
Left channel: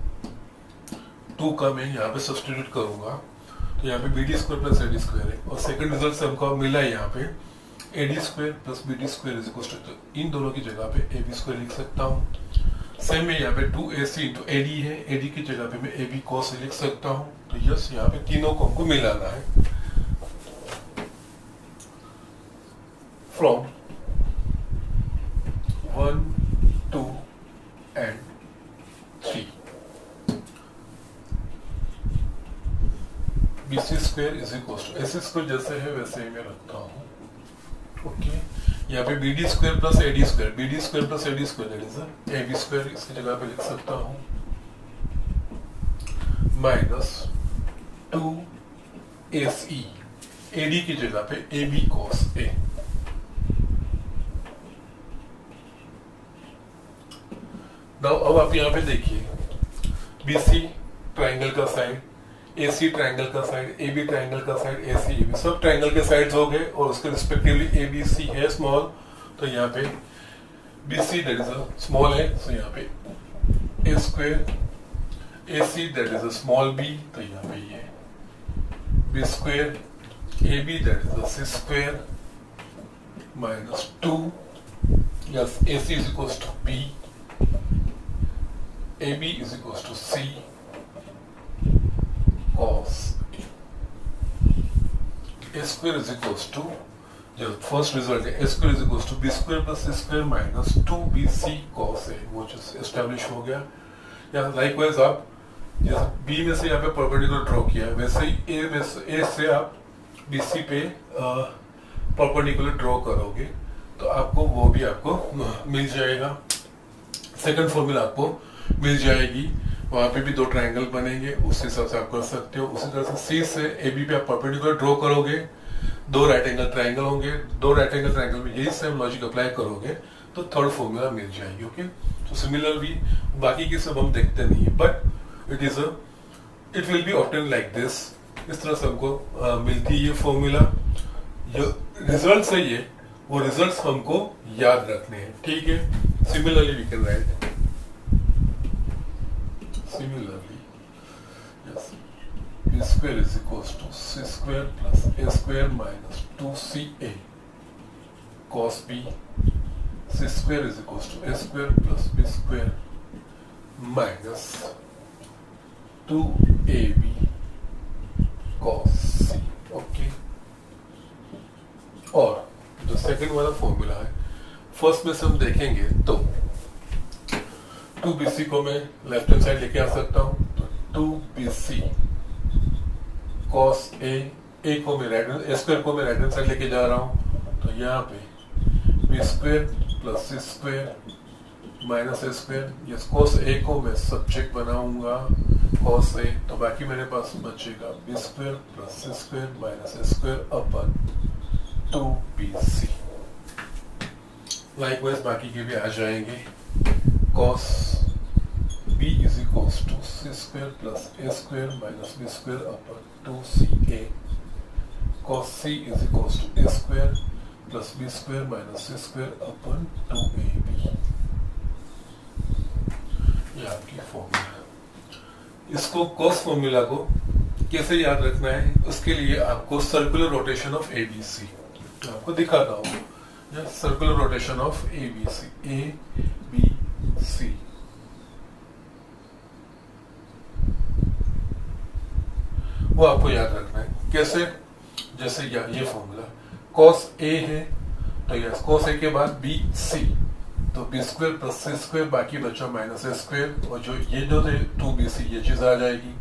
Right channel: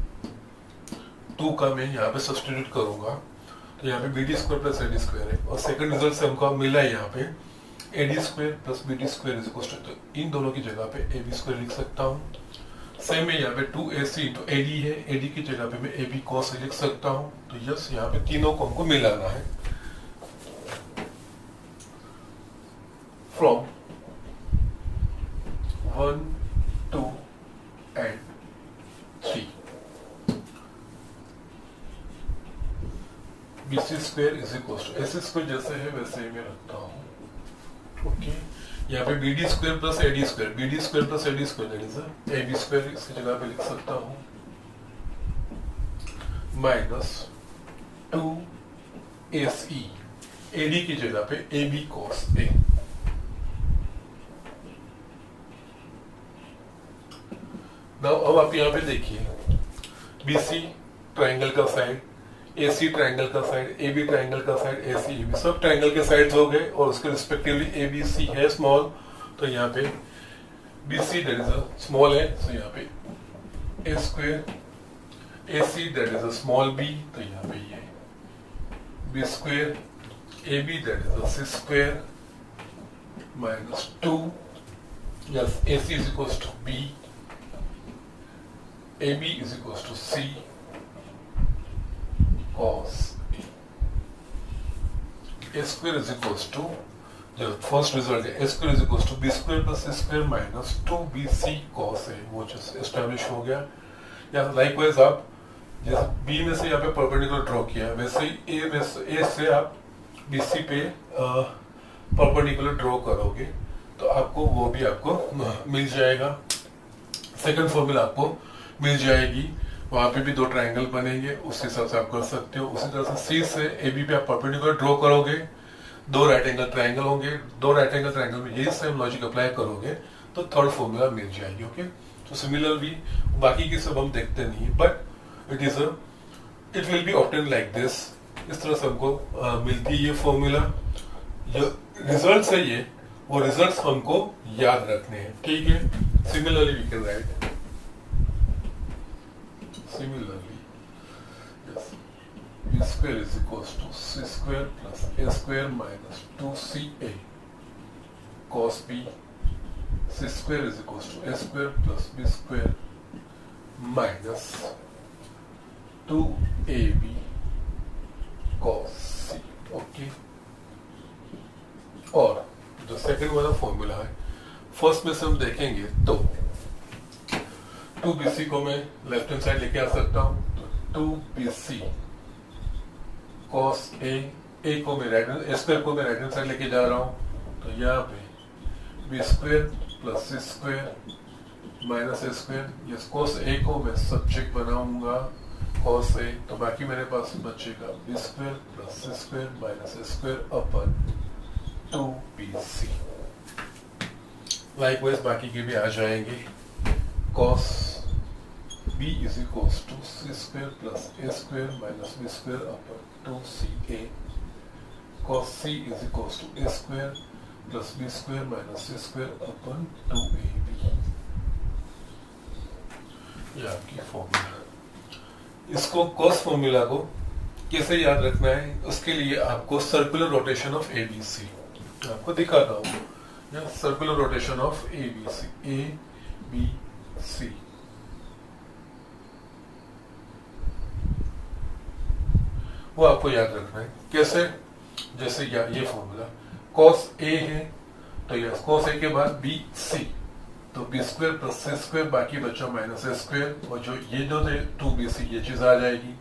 2 का मैं यहाँ पे सब्स्टिट्यूट करूंगा, तो यहाँ पे BD square plus AD square है। और सेकंड रिजल्ट से हमको मिला है यहाँ पे AD square plus BD square is equal to, इन दोनों की जगह पे AB स्क्वायर लिख सकता हूँ। सेम है, यहाँ पे 2AC इंटू AD है, AD की जगह पे मैं AB cos लिख सकता हूँ। तो यस, यहाँ पे तीनों को हमको मिलाना है। From 1, 2 and 3 BC square is equal to AC square, जैसे है वैसे ही मैं रखता हूँ। ओके, यहाँ पे BD square plus AD square, BD square plus AD square that is AB square, इसकी जगह पे लिख सकता हूँ माइनस 2AC, AD की जगह पे AB cos A। नाउ अब आप यहाँ पे देखिए, BC ट्राइंगल का साइड, AC ट्राइंगल का साइड, AB ट्राइंगल का साइड, AC AB सब ट्राइंगल के साइड्स हो गए, और उसके रिस्पेक्टिवली ABC है स्मॉल, तो यहाँ पे BC that is a small है, तो यहाँ पे A square, AC that is a small b, तो यहाँ पे ये B square, AB that is a C square minus 2, yes AC is equal to B, AB is equals to C cos A square is equals to, जो first result है, A square is equals to B square plus C square minus 2BC cos A, वो चीज establish हो गया। या likewise आप जैसे B में से यहाँ पे परपेंडिकुलर ड्रॉ किया है, वैसे ही A से आप BC पे परपेंडिकुलर ड्रॉ करोगे तो आपको वो भी आपको मिल जाएगा। सेकंड फॉर्मूला आपको मिल जाएगी, वहां पे भी दो ट्रायंगल बनेंगे, उस हिसाब से आप कर सकते हो। उसी तरह से सी से ए बी पे आप परपेंडिकुलर ड्रॉ करोगे, दो राइट एंगल ट्रायंगल होंगे, दो राइट एंगल ट्रायंगल में यही सेम लॉजिक अप्लाई करोगे तो थर्ड फॉर्मूला मिल जाएगी। ओके, तो सिमिलरली बाकी की सब हम देखते नहीं है, but it will be obtain like this. इस तरह से हमको मिलती है ये फॉर्मूला। जो रिजल्ट है ये, वो रिजल्ट्स हमको याद रखने हैं, ठीक है। Similarly we can write similarly yes b square is equals to c square plus a square minus 2ca cos b, c square is equals to a square plus b square minus 2ab cos c। Okay, और जो second वाला formula है, first में से हम देखेंगे तो 2bc को मैं लेफ्ट हैंड साइड लेके आ सकता हूं, तो 2bc cos a को मैं राइट हैंड स्क्वायर को मैं राइट हैंड साइड लेके जा रहा हूं, तो यहाँ पे b square plus c square minus a square, ये cos a को मैं सब्जेक्ट बनाऊंगा cos a, तो बाकी मेरे पास बचेगा b square plus c square minus a square upon 2bc। Likewise बाकी के भी आ जाएंगे, cos b is equals to c square plus a square minus b square upon 2ca, cos c is equals to a square plus b square minus c square upon 2ab। ये आपकी formula. इसको cos formula को कैसे याद रखना है, उसके लिए आपको सर्कुलर रोटेशन ऑफ ABC आपको दिखाता हूँ, या सर्कुलर रोटेशन ऑफ ABC वो आपको याद रखना है। कैसे, जैसे ये फॉर्मूला cos A है, तो यस cos A के बाद BC, तो b square plus c square, बाकी बचा माइनस a स्क्वायर, और जो ये जो थे 2bc ये चीज आ जाएगी।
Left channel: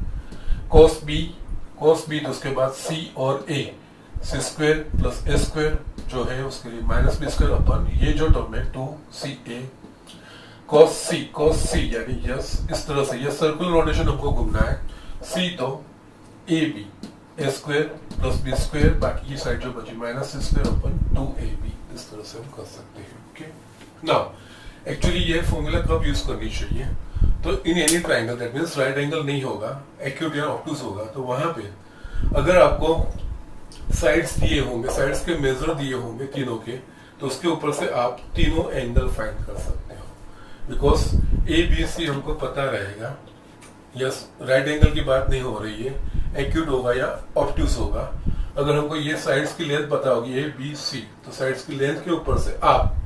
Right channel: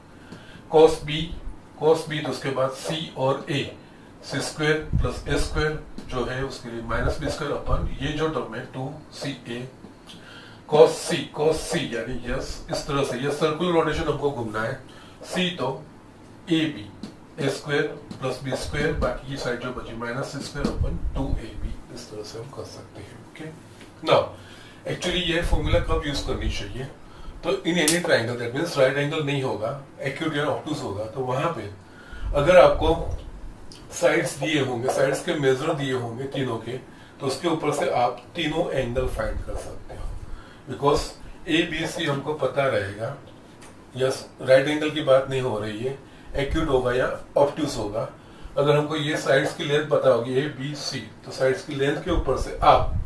cos b तो उसके बाद c और a, c square plus a square जो है उसके लिए माइनस b स्क्वायर अपन ये जो टर्म है 2ca, cos c यानी यस इस तरह से ये सर्कुलर रोटेशन हमको घूमना है। c तो ab a square plus b square, बाकी की साइड जो बची minus c square upon 2ab, इस तरह से हम कर सकते हैं। ओके, नाउ एक्चुअली ये फॉर्मूला कब यूज करनी चाहिए, तो in any triangle that means right angle नहीं होगा, एक्यूट या ऑब्टूज होगा, तो वहां पे अगर आपको साइड्स दिए होंगे, साइड्स के मेजर दिए होंगे तीनों के, तो उसके ऊपर से आप तीनों एंगल फाइंड कर सकते हो। बिकॉज ए बी सी हमको पता रहेगा, यस राइट एंगल की बात नहीं हो रही है, एक्यूट होगा या ऑब्टूज होगा। अगर हमको ये साइड्स की लेंथ पता होगी ए बी सी, तो साइड्स की लेंथ के ऊपर से आप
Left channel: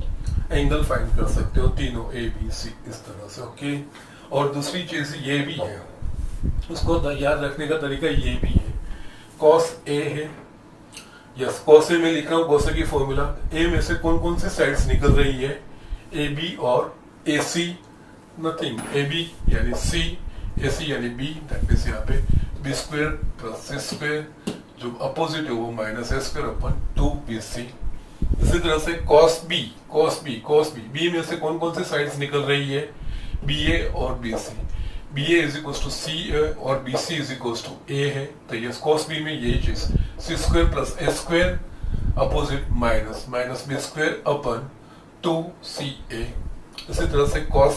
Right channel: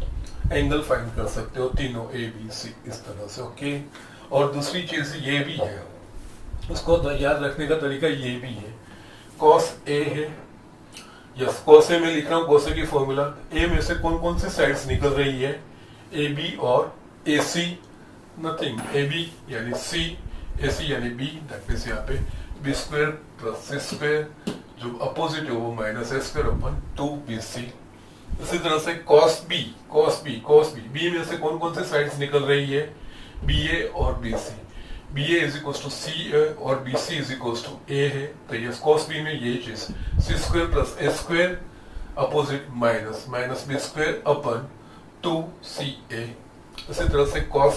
एंगल फाइंड कर सकते हो तीनों ए बी सी इस तरह से। ओके, और दूसरी चीज ये भी है, उसको याद रखने का तरीका ये भी है, cos A है, यस cos A में लिख रहा हूँ cos A की फॉर्मूला, A में से कौन कौन सी साइड्स निकल रही है, AB और AC, नथिंग, AB यानी C, AC यानी B, दैट मींस यहाँ पे b square plus c square, जो अपोजिट है वो minus a square upon 2bc। इसी तरह से cos B में से कौन कौन सी साइड्स निकल रही है, BA और BC, BA is equal to C और BC is equal to A है, तो ये cos B में यही चीज c square plus a square opposite minus b square upon 2ca। इसी तरह से cos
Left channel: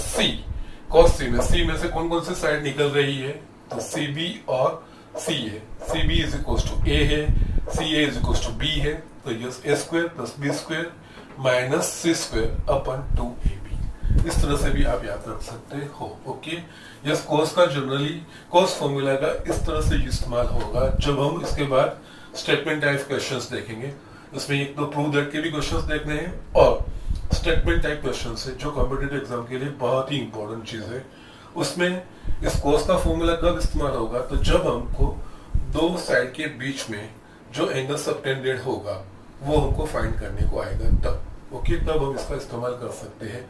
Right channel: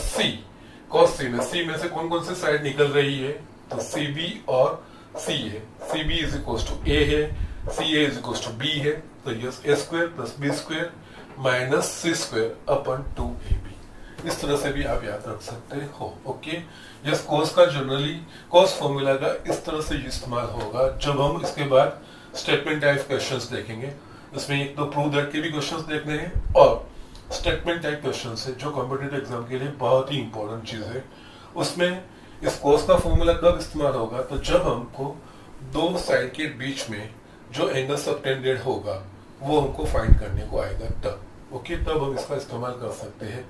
C में से कौन कौन सी साइड निकल रही है, तो CB और C है, CB is equal to A है, CA is equal to B है, तो yes a square plus b square minus c square upon 2ab। इस तरह से भी आप याद रख सकते हो। ओके, यस cos का जनरली cos फॉर्मूला का इस तरह से इस्तेमाल होगा जब हम इसके बाद स्टेटमेंट टाइप क्वेश्चंस देखेंगे। इसमें एक तो प्रूव दैट के भी क्वेश्चंस देखने हैं और स्टेटमेंट टाइप क्वेश्चंस है जो कॉम्पिटिटिव एग्जाम के लिए बहुत ही इंपॉर्टेंट चीज है। उसमें इस cos का फॉर्मूला कब इस्तेमाल होगा, तो जब हमको दो साइड के बीच में जो एंगल सबटेंडेड होगा वो हमको फाइंड करने को आएगा तब। ओके, तब हम इसका इस्तेमाल कर सकते हैं।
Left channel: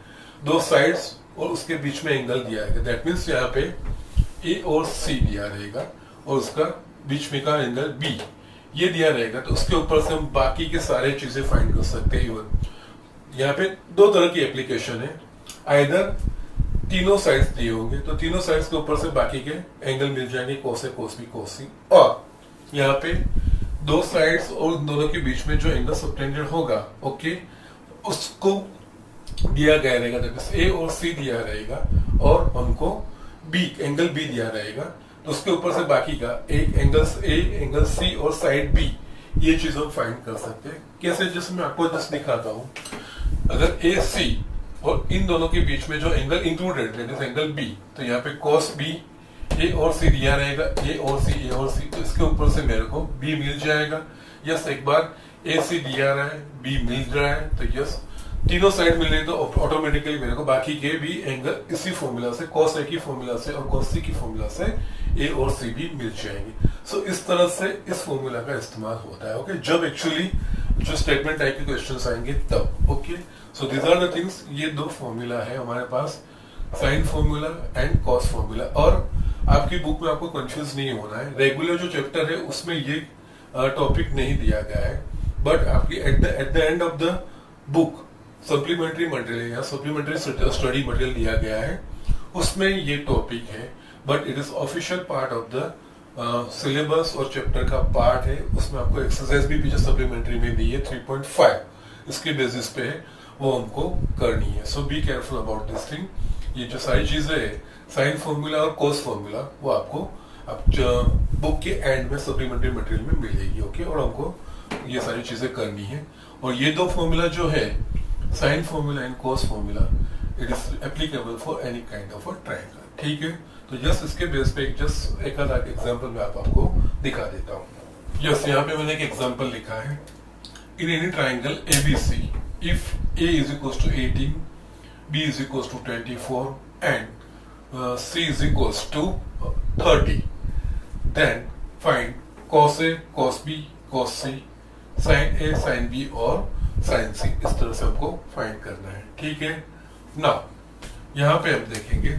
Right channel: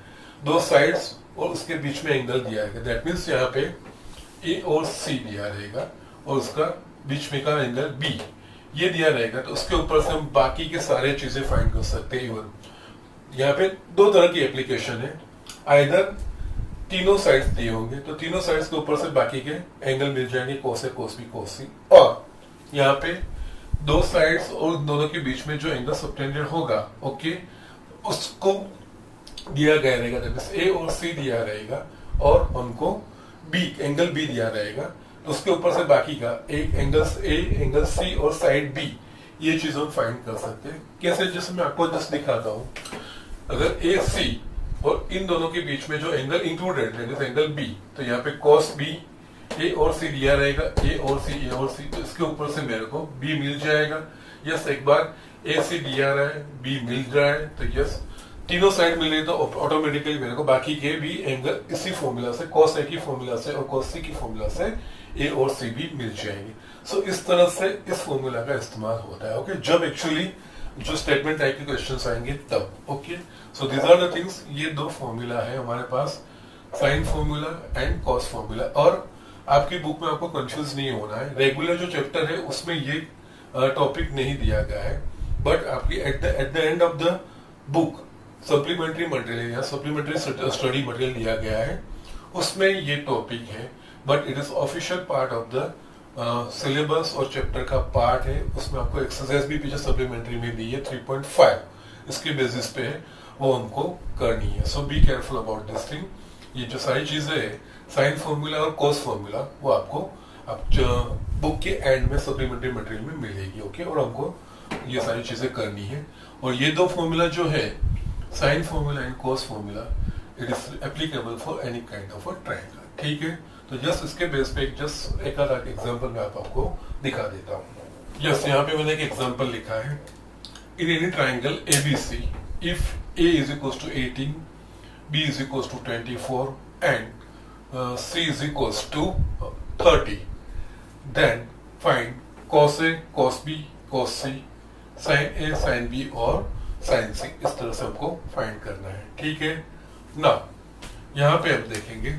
दो साइड्स और उसके बीच में एंगल दिया है, दैट मीन्स यहाँ पे ए और सी दिया रहेगा और उसका बीच में का एंगल बी ये दिया रहेगा, तो उसके ऊपर से हम बाकी के सारे चीजें फाइंड कर सकते हैं। इवन यहाँ पे दो तरह की एप्लीकेशन है, आइदर तीनों साइड्स दिए होंगे तो तीनों साइड्स के ऊपर से बाकी के एंगल मिल जाएंगे, कोस ए कोस बी कोस सी, और यहाँ पे दो साइड्स और दोनों के बीच में जो एंगल सबटेंडेड होगा, ओके, उसको दिया गया रहेगा, ए और सी दिया रहेगा और हमको बी एंगल बी दिया रहेगा, तो उसके ऊपर से बाकी का एंगल्स ए एंगल सी और साइड बी, ये चीज हम फाइंड कर सकते हैं। कैसे, जैसे मैं आपको जस्ट दिखाता हूँ, अगर ए सी और इन दोनों के बीच में जो एंगल इंक्लूडेड है एंगल बी, तो यहाँ पे कॉस बी ए और सी दिया रहेगा, ए और सी, तो इसके ऊपर से मेरे को बी मिल जाएगा। यस, एक बार ए सी दिया रहा है, बी मिल रहा है, तो यस तीनों साइड मिल रही, तो ऑटोमेटिकली मेरे को बाकी के भी एंगल इसी फॉर्मूला से, कॉस ए की फॉर्मूला से और कॉस सी की फॉर्मूला से ए और सी भी मिल जाएंगी। सो इस तरह से इस फॉर्मूला का इस्तेमाल होता है, ओके, जब एक्चुअली जो स्टेटमेंट टाइप के क्वेश्चंस आएंगे तब, okay. So these are the things, ये दो फॉर्मूला है हमारे पास, sine formula and cos formula. और आपकी बुक में आपको कंफ्यूज नहीं होना है, रेगुलर जो चैप्टर है उसमें ये टॉपिक नहीं दिया गया है, बट आपकी at the end of the book supplementary material या सप्लीमेंट्री स्टडी मटेरियल दिया गया है, उसमें ये टॉपिक है, but it is official part of the syllabus और चैप्टर का पार्ट है। उसमें आपको एक्सरसाइज भी पीछे सप्लीमेंट्री में दी है 3.5, इसके बेसिस पे वो हमको करनी है। So be careful about this thing. ये जो सारी चीजें है, साइन फॉर्मूला और कॉस फॉर्मूला, वो आपको बुक के एंड में सप्लीमेंट्री मटेरियल में मिलेगी, ओके, और आपको ये सारी चीजें करनी है। और ये दो फॉर्मूला जो है, sine formula and cos formula, it is applicable for any kind of a triangle, ठीक है। तो जस्ट इसके बेस पे जस्ट एक अलग एग्जांपल मैं आपको दिखा देता हूँ। यस, यहाँ पे मैंने एक एग्जांपल लिखा है, in any triangle ABC, if A is equals to 18, B is equals to 24 and C is equals to 30, then find cos A, cos B, cos C, sin A, sin B और sin C। इस तरह से हमको find करना है, ठीक है ना। यहाँ पे हम देखेंगे,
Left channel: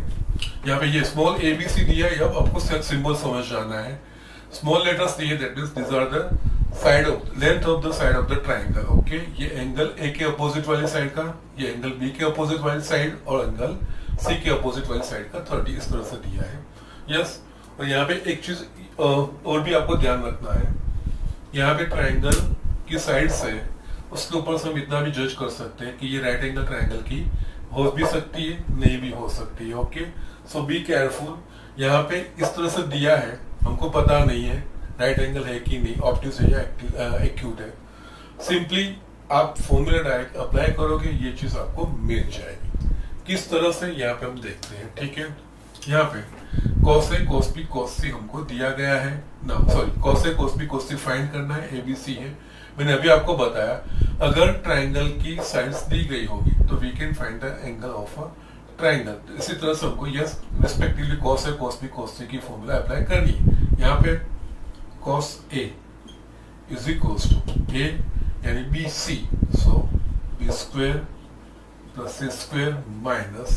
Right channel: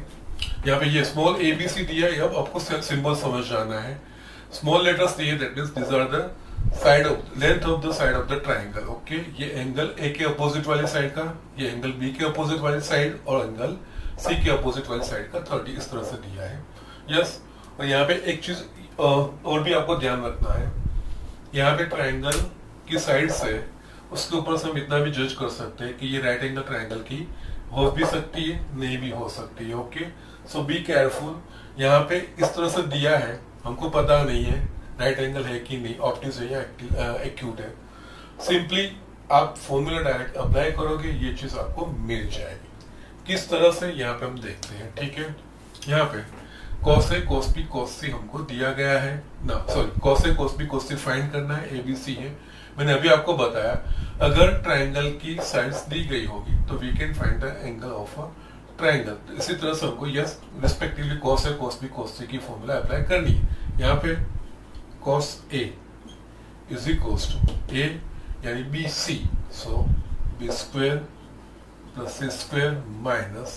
यहाँ पे ये स्मॉल ABC दिया है, अब आपको सिंबल समझ जाना है। स्मॉल लेटर्स दिए, that means this are the side of length of the side of the triangle, okay. ये एंगल ए के अपोजिट वाले साइड का, ये एंगल बी के अपोजिट वाली साइड और एंगल सी के अपोजिट वाली साइड का 30, इस तरह से दिया है। यस, और यहाँ पे एक चीज और भी आपको ध्यान रखना है, यहाँ पे ट्राइंगल की साइड से उसके ऊपर से हम इतना भी जज कर सकते हैं कि ये राइट एंगल ट्राइंगल की हो भी सकती है, नहीं भी हो सकती है, ओके। So be careful. यहाँ पे इस तरह से दिया है, हमको पता नहीं है राइट एंगल है कि नहीं, ऑप्टिक्स है या एक्यूट है, सिंपली आप फॉर्मूला डायरेक्ट अप्लाई करोगे, ये चीज आपको मिल जाएगी। किस तरह से, यहाँ पे हम देखते हैं, ठीक है। यहाँ पे cos A, cos B, cos C हमको दिया गया है ना, sorry, cos A, cos B, cos C find करना है, ABC है। मैंने अभी आपको बताया, अगर ट्राइंगल की साइड्स दी गई होगी तो we can find the angle of a triangle. इसी तरह से हमको yes respectively cos A, cos B, cos C की फॉर्मूला अप्लाई करनी है। यहाँ पे cos A is equals to A यानी BC, so B square plus C square minus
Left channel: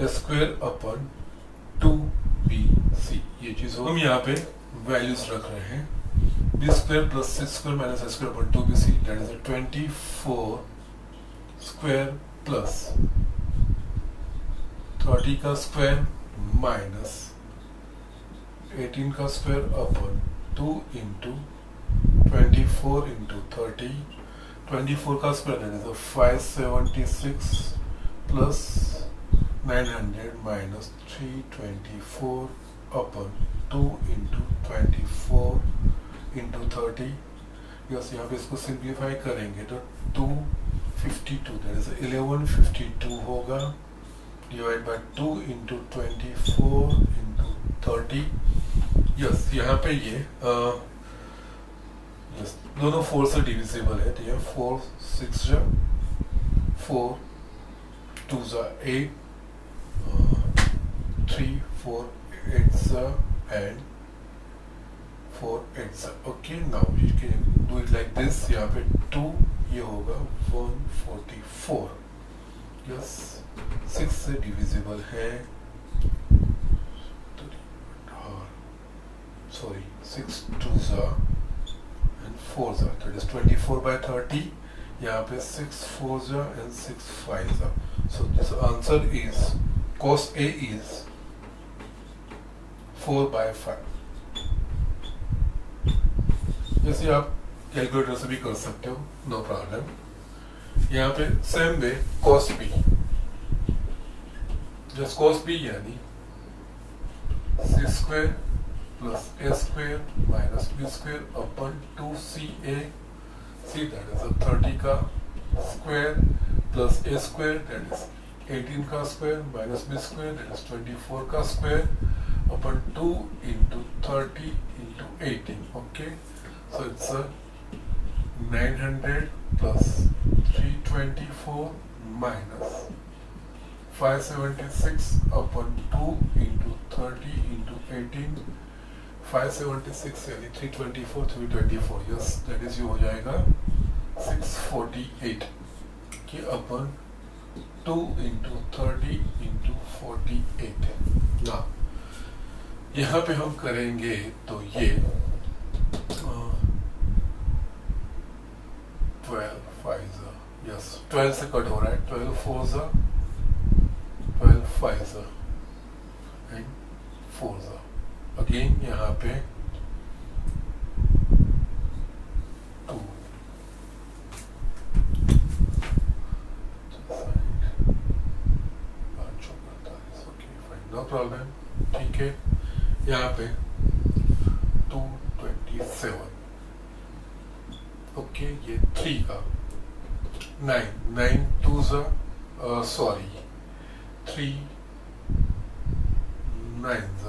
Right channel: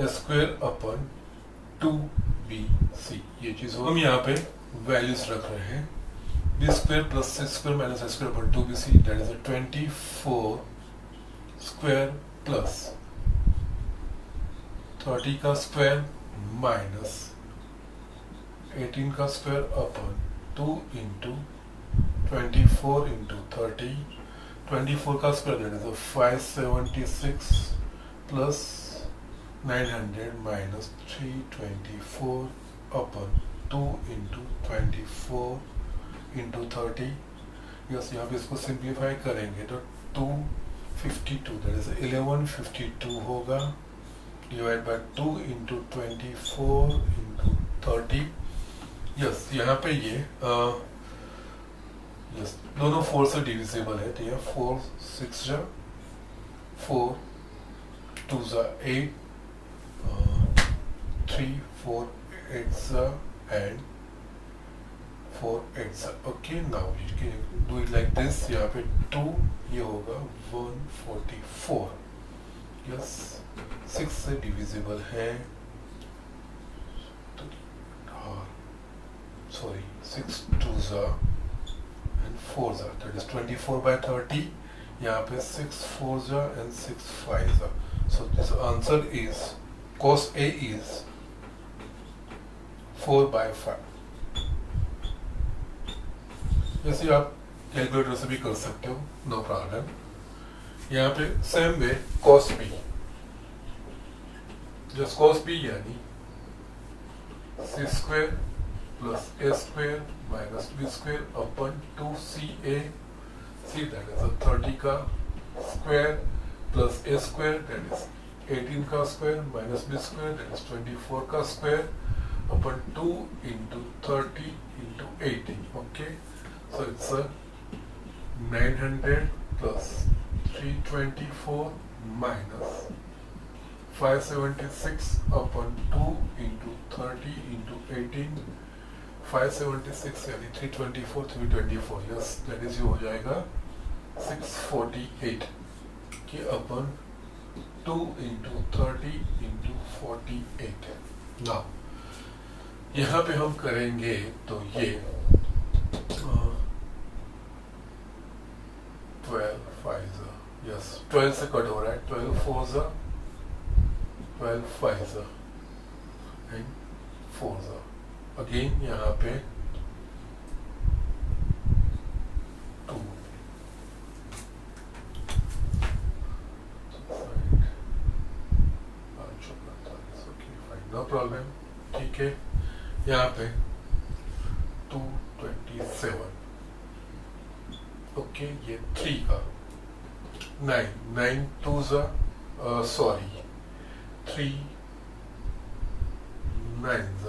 A square upon 2BC, ये चीज हम यहाँ पे वैल्यूज रख रहे हैं। B square plus C square minus A square upon 2BC, that is 24 square plus 30 का स्क्वायर माइनस 18 का स्क्वायर अपन 2 इंटू 24 इंटू 30, 24 का square that is 576 plus 900 minus 324 upon 2 into 24 into 30। Yes, यहाँ पे इसको सिंप्लीफाई करेंगे तो 252 दैट इज 1152 होगा, divide by 2 into 24 into 30। Yes, यहाँ पे ये यस दोनों 4 से डिविजिबल है, तो यह 4 6 जा 4 2 जा 8 3 4 8 जा and 4 8 जा, okay. Now you can do it like this, यहाँ पे 2 ये होगा 144। यस, 6 से डिविजिबल है, सॉरी 6 2 जा and 4 जा, that is 24 by 30 यहाँ पे 6 4s and 6 5s. So this answer is cos A is 4/5. जैसे आप कैलकुलेटर से भी कर सकते हो, नो प्रॉब्लम. यहाँ पे same way cos B, just cos B यानी c² plus a² minus b² upon 2ca. C that is a 30 का square plus a² that is 18 का square minus b² that is 24 का square upon 2 into 30 into 18. Okay, so it's a 900 plus 324 minus 576 upon 2 into 30 into 18. 576 यानी 324 324. Yes, that is, हो जाएगा 648 कि अपन 2 into 30 into 48. ना यहाँ पे हम करेंगे तो ये 12 5s, यस 12 से कट हो रहा है, 12 4s 12 5s and 4s. Again यहाँ पे 2 नो प्रॉब्लम. ठीक है, यहाँ पे 227. ओके, ये 3 का 9 2s sorry 3 9s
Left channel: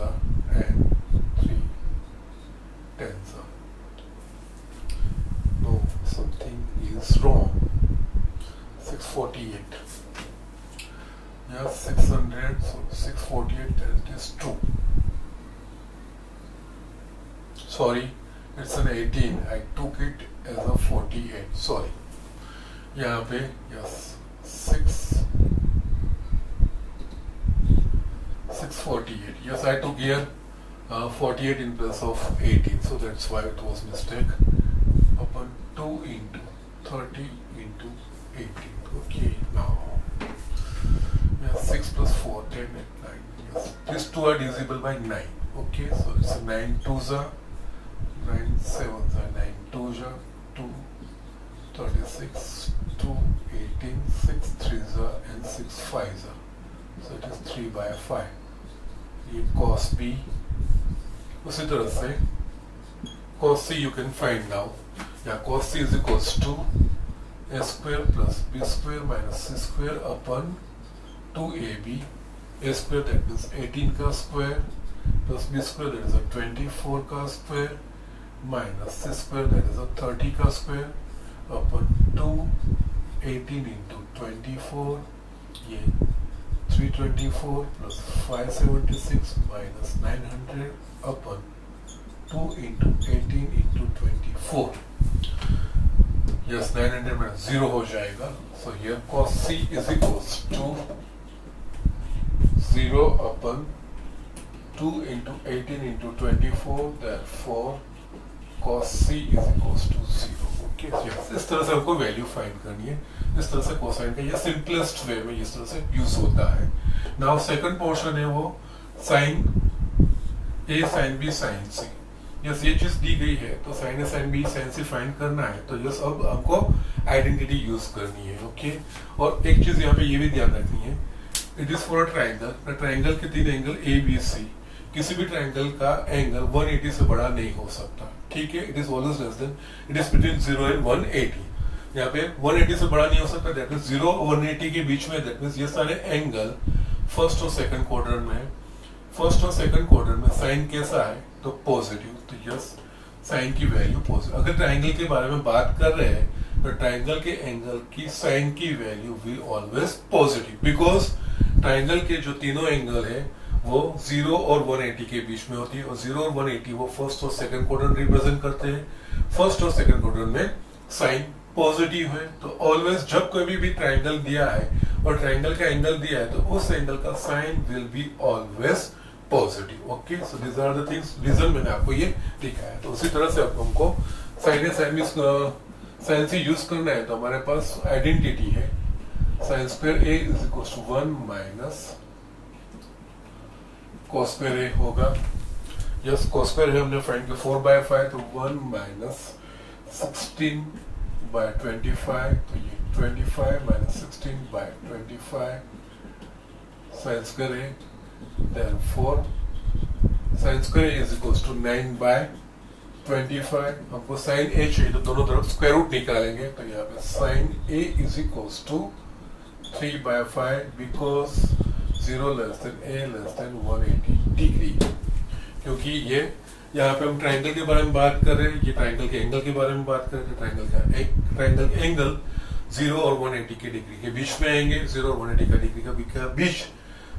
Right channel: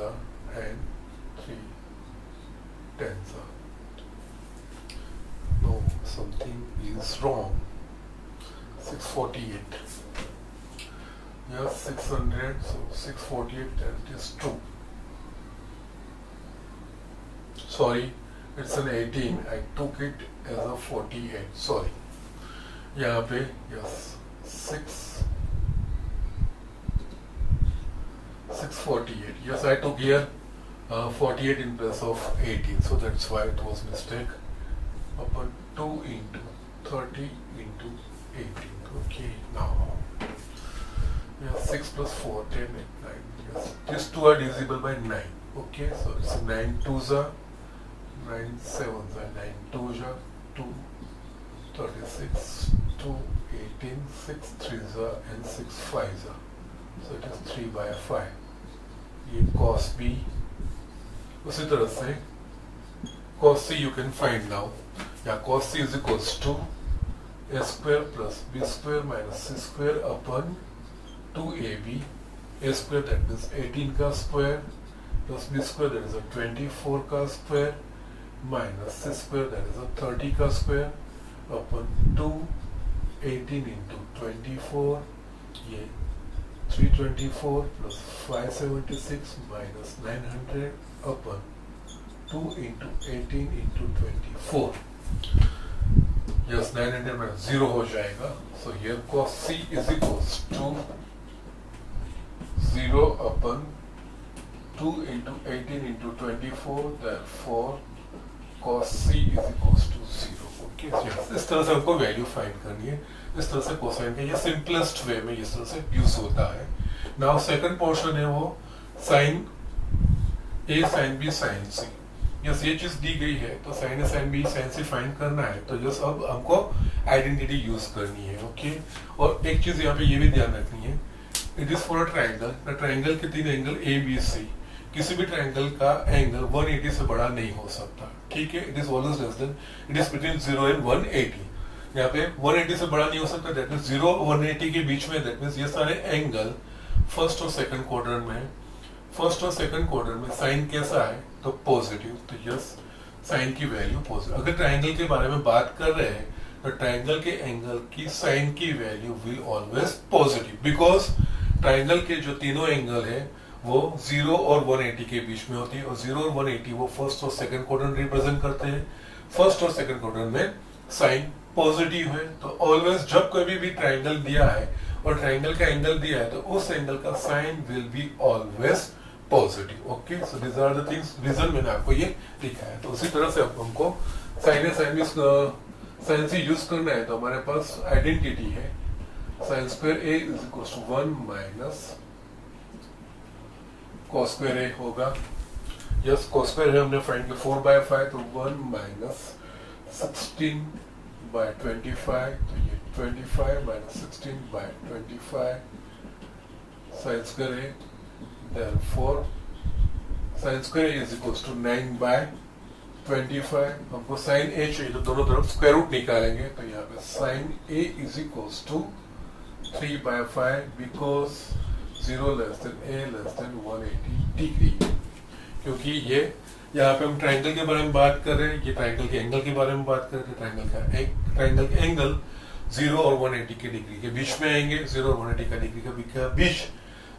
and 3 10s. No, something is wrong. 648. Yes, 600. So 648. That is true. Sorry, it's an 18. I took it as a 48. Sorry. यहाँ पे yes 648. Yes, I took here 48 in place of 18, so that's why it was mistake. Upon 2 into 30 into 18. Okay, now yes, 6 plus 4 10 and 9. Yes, these two are divisible by 9. Okay, so it's 9 2s 9 7s 9 2s 2 36 2 18 6 3s and 6 5s. So it is 3/5. ये cos B. उसी तरह से cos C you can find now. या cos C is equals to a² plus b² minus c² upon 2ab. a² that is 18 का square plus b² that is a 24 का square minus c² that is a 30 का square upon 2 18 into 24. ये 324 plus 576 minus 900 upon 2 into 18 into 24. Yes, 900 minus 0 हो जाएगा. So here cos C is equals to 0 upon 2 into 18 into 24. Therefore cos C is equals to 0. Okay, so yes, इस तरह से हमको value find करनी है. इस तरह से कोसाइन का ये सिंपलेस्ट वे में इस तरह से यूज होता है. नाउ सेकंड पोर्शन है वो sign A sine B sign C. Yes, ये चीज दी गई है तो sign A sine B sign C find करना है. तो यस, अब हमको आइडेंटिटी यूज करनी है. ओके, और एक चीज यहाँ पे ये भी ध्यान रखनी है, it is for a triangle. Triangle के 3 एंगल ए बी सी. किसी भी ट्राइंगल का एंगल 180 से बड़ा नहीं हो सकता. ठीक है, it is always less than, it is between 0 and 180. यहाँ पे 180 से बड़ा नहीं हो सकता. दैट मीन्स 0 और 180 के बीच में, दैट मीन्स ये सारे एंगल फर्स्ट और सेकंड क्वाड्रेंट में. फर्स्ट और सेकंड क्वाड्रेंट में साइन कैसा है तो पॉजिटिव. तो यस, साइन की वैल्यू पॉजिटिव. अगर ट्राइंगल के बारे में बात कर रहे हैं तो ट्राइंगल के एंगल की साइन की value will always positive, because triangle के जो तीनों एंगल है वो 0 और 180 के बीच में होती है. और 0 और 180 वो फर्स्ट और सेकंड क्वाड्रेंट रिप्रेजेंट करते हैं. फर्स्ट और सेकंड क्वाड्रेंट में साइन पॉजिटिव है. तो ऑलवेज जब कभी भी ट्राइंगल दिया है और ट्राइंगल का एंगल दिया है तो उस एंगल का sine will be always positive. Okay, so these are the things, reason मैंने आपको ये दिखाया. तो उसी तरह से हमको sine A sine B sine से यूज करना है तो हमारे पास आइडेंटिटी है sine square A is equal to 1 minus cos square A होगा। यस कॉस स्क्वायर है हमने फाइंड किया 4/5 तो 1 माइनस 16/25 तो ये 25 माइनस 16/25 sine square A therefore sine square is equal to 9/25। हमको साइन ए चाहिए तो दोनों तरफ स्क्वायर रूट निकालेंगे तो यहाँ पे sine A is equal to 3/5 because 0 less than A less than 180 degree. क्योंकि ये यहाँ पे हम ट्राइंगल के बारे में बात कर रहे हैं, ये ट्राइंगल के एंगल के बारे में बात कर रहे हैं। ट्राइंगल के एंगल 0 और 180 के डिग्री के बीच में आएंगे। 0 और 180 का डिग्री का बीच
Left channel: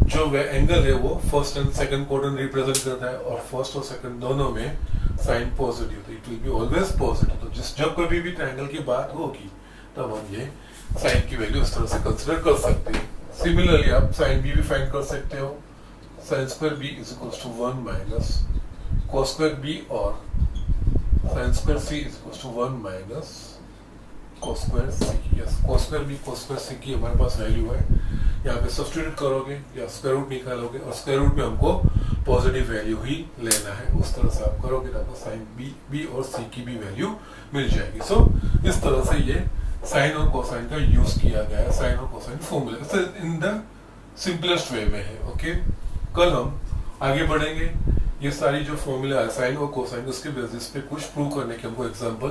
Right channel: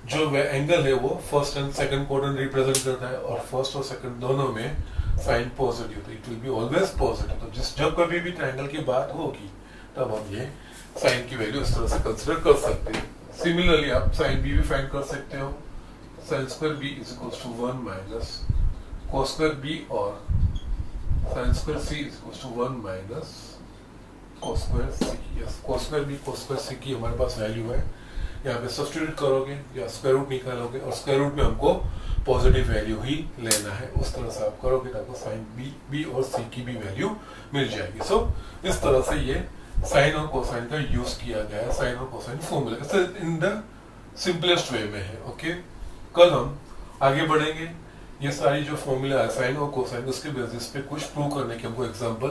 जो एंगल है वो first and second quadrant represent करता है और फर्स्ट और सेकंड दोनों में साइन पॉजिटिव तो it will be always positive. तो जब कभी भी ट्राइंगल की बात होगी तब हम ये साइन की वैल्यू इस तरह से कंसिडर कर सकते हैं। सिमिलरली आप साइन बी भी फाइंड कर सकते हो। Sine square B is equal to 1 minus cos square B और sine square C is equal to 1 minus cos square C. Yes cos square B cos square C की हमारे पास value है। यहाँ पे सब्स्टिट्यूट करोगे या स्क्वायर रूट निकालोगे और स्क्वायर रूट में हमको पॉजिटिव वैल्यू ही लेना है। उस तरह से आप करोगे तो आपको साइन बी और सी की भी वैल्यू मिल जाएगी। सो इस तरह से ये साइन और कोसाइन का यूज किया गया है। साइन और cosine formula in the simplest way में है। ओके कल हम आगे बढ़ेंगे। ये सारी जो फॉर्मूला है साइन और कोसाइन उसके बेसिस पे कुछ प्रूव करने के हमको एग्जांपल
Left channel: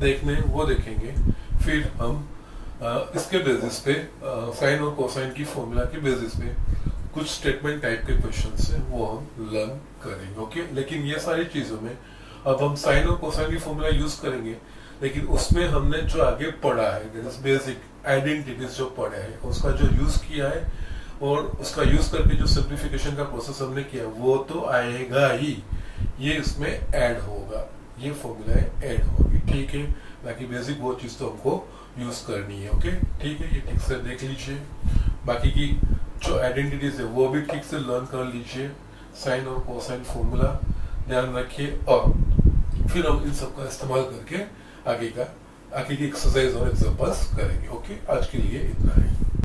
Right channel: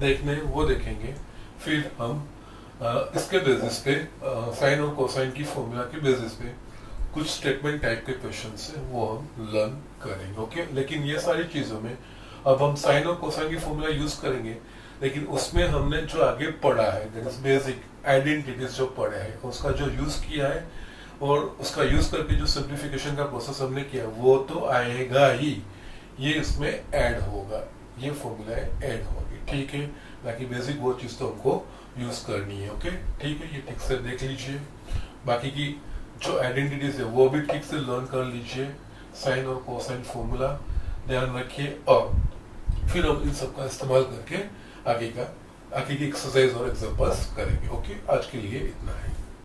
देखने वो देखेंगे। फिर हम इसके बेसिस पे साइन और कोसाइन की फॉर्मूला के बेसिस पे कुछ स्टेटमेंट टाइप के क्वेश्चन है वो हम लर्न करेंगे। ओके लेकिन ये सारी चीजों में अब हम साइन और कोसाइन की फॉर्मूला यूज करेंगे लेकिन उसमें हमने जो आगे पढ़ा है बेसिक आइडेंटिटीज जो पढ़े हैं उसका जो यूज किया है और उसका यूज करके जो सिंप्लीफिकेशन का प्रोसेस हमने किया वो तो आएगा ही, ये इसमें ऐड होगा, ये फॉर्मूला ऐड होगी। ठीक है बाकी बेसिक वो चीज तो हमको यूज करनी है। ओके ठीक है ये ठीक से देख लीजिए। बाकी की जो आइडेंटिटीज है वो भी ठीक से लर्न कर लीजिए। साइन और कोसाइन फॉर्मूला ध्यान रखिए और फिर हम इन सबका इस्तेमाल करके आगे की एक्सरसाइज और एग्जांपल्स करेंगे। ओके आज के लिए इतना है।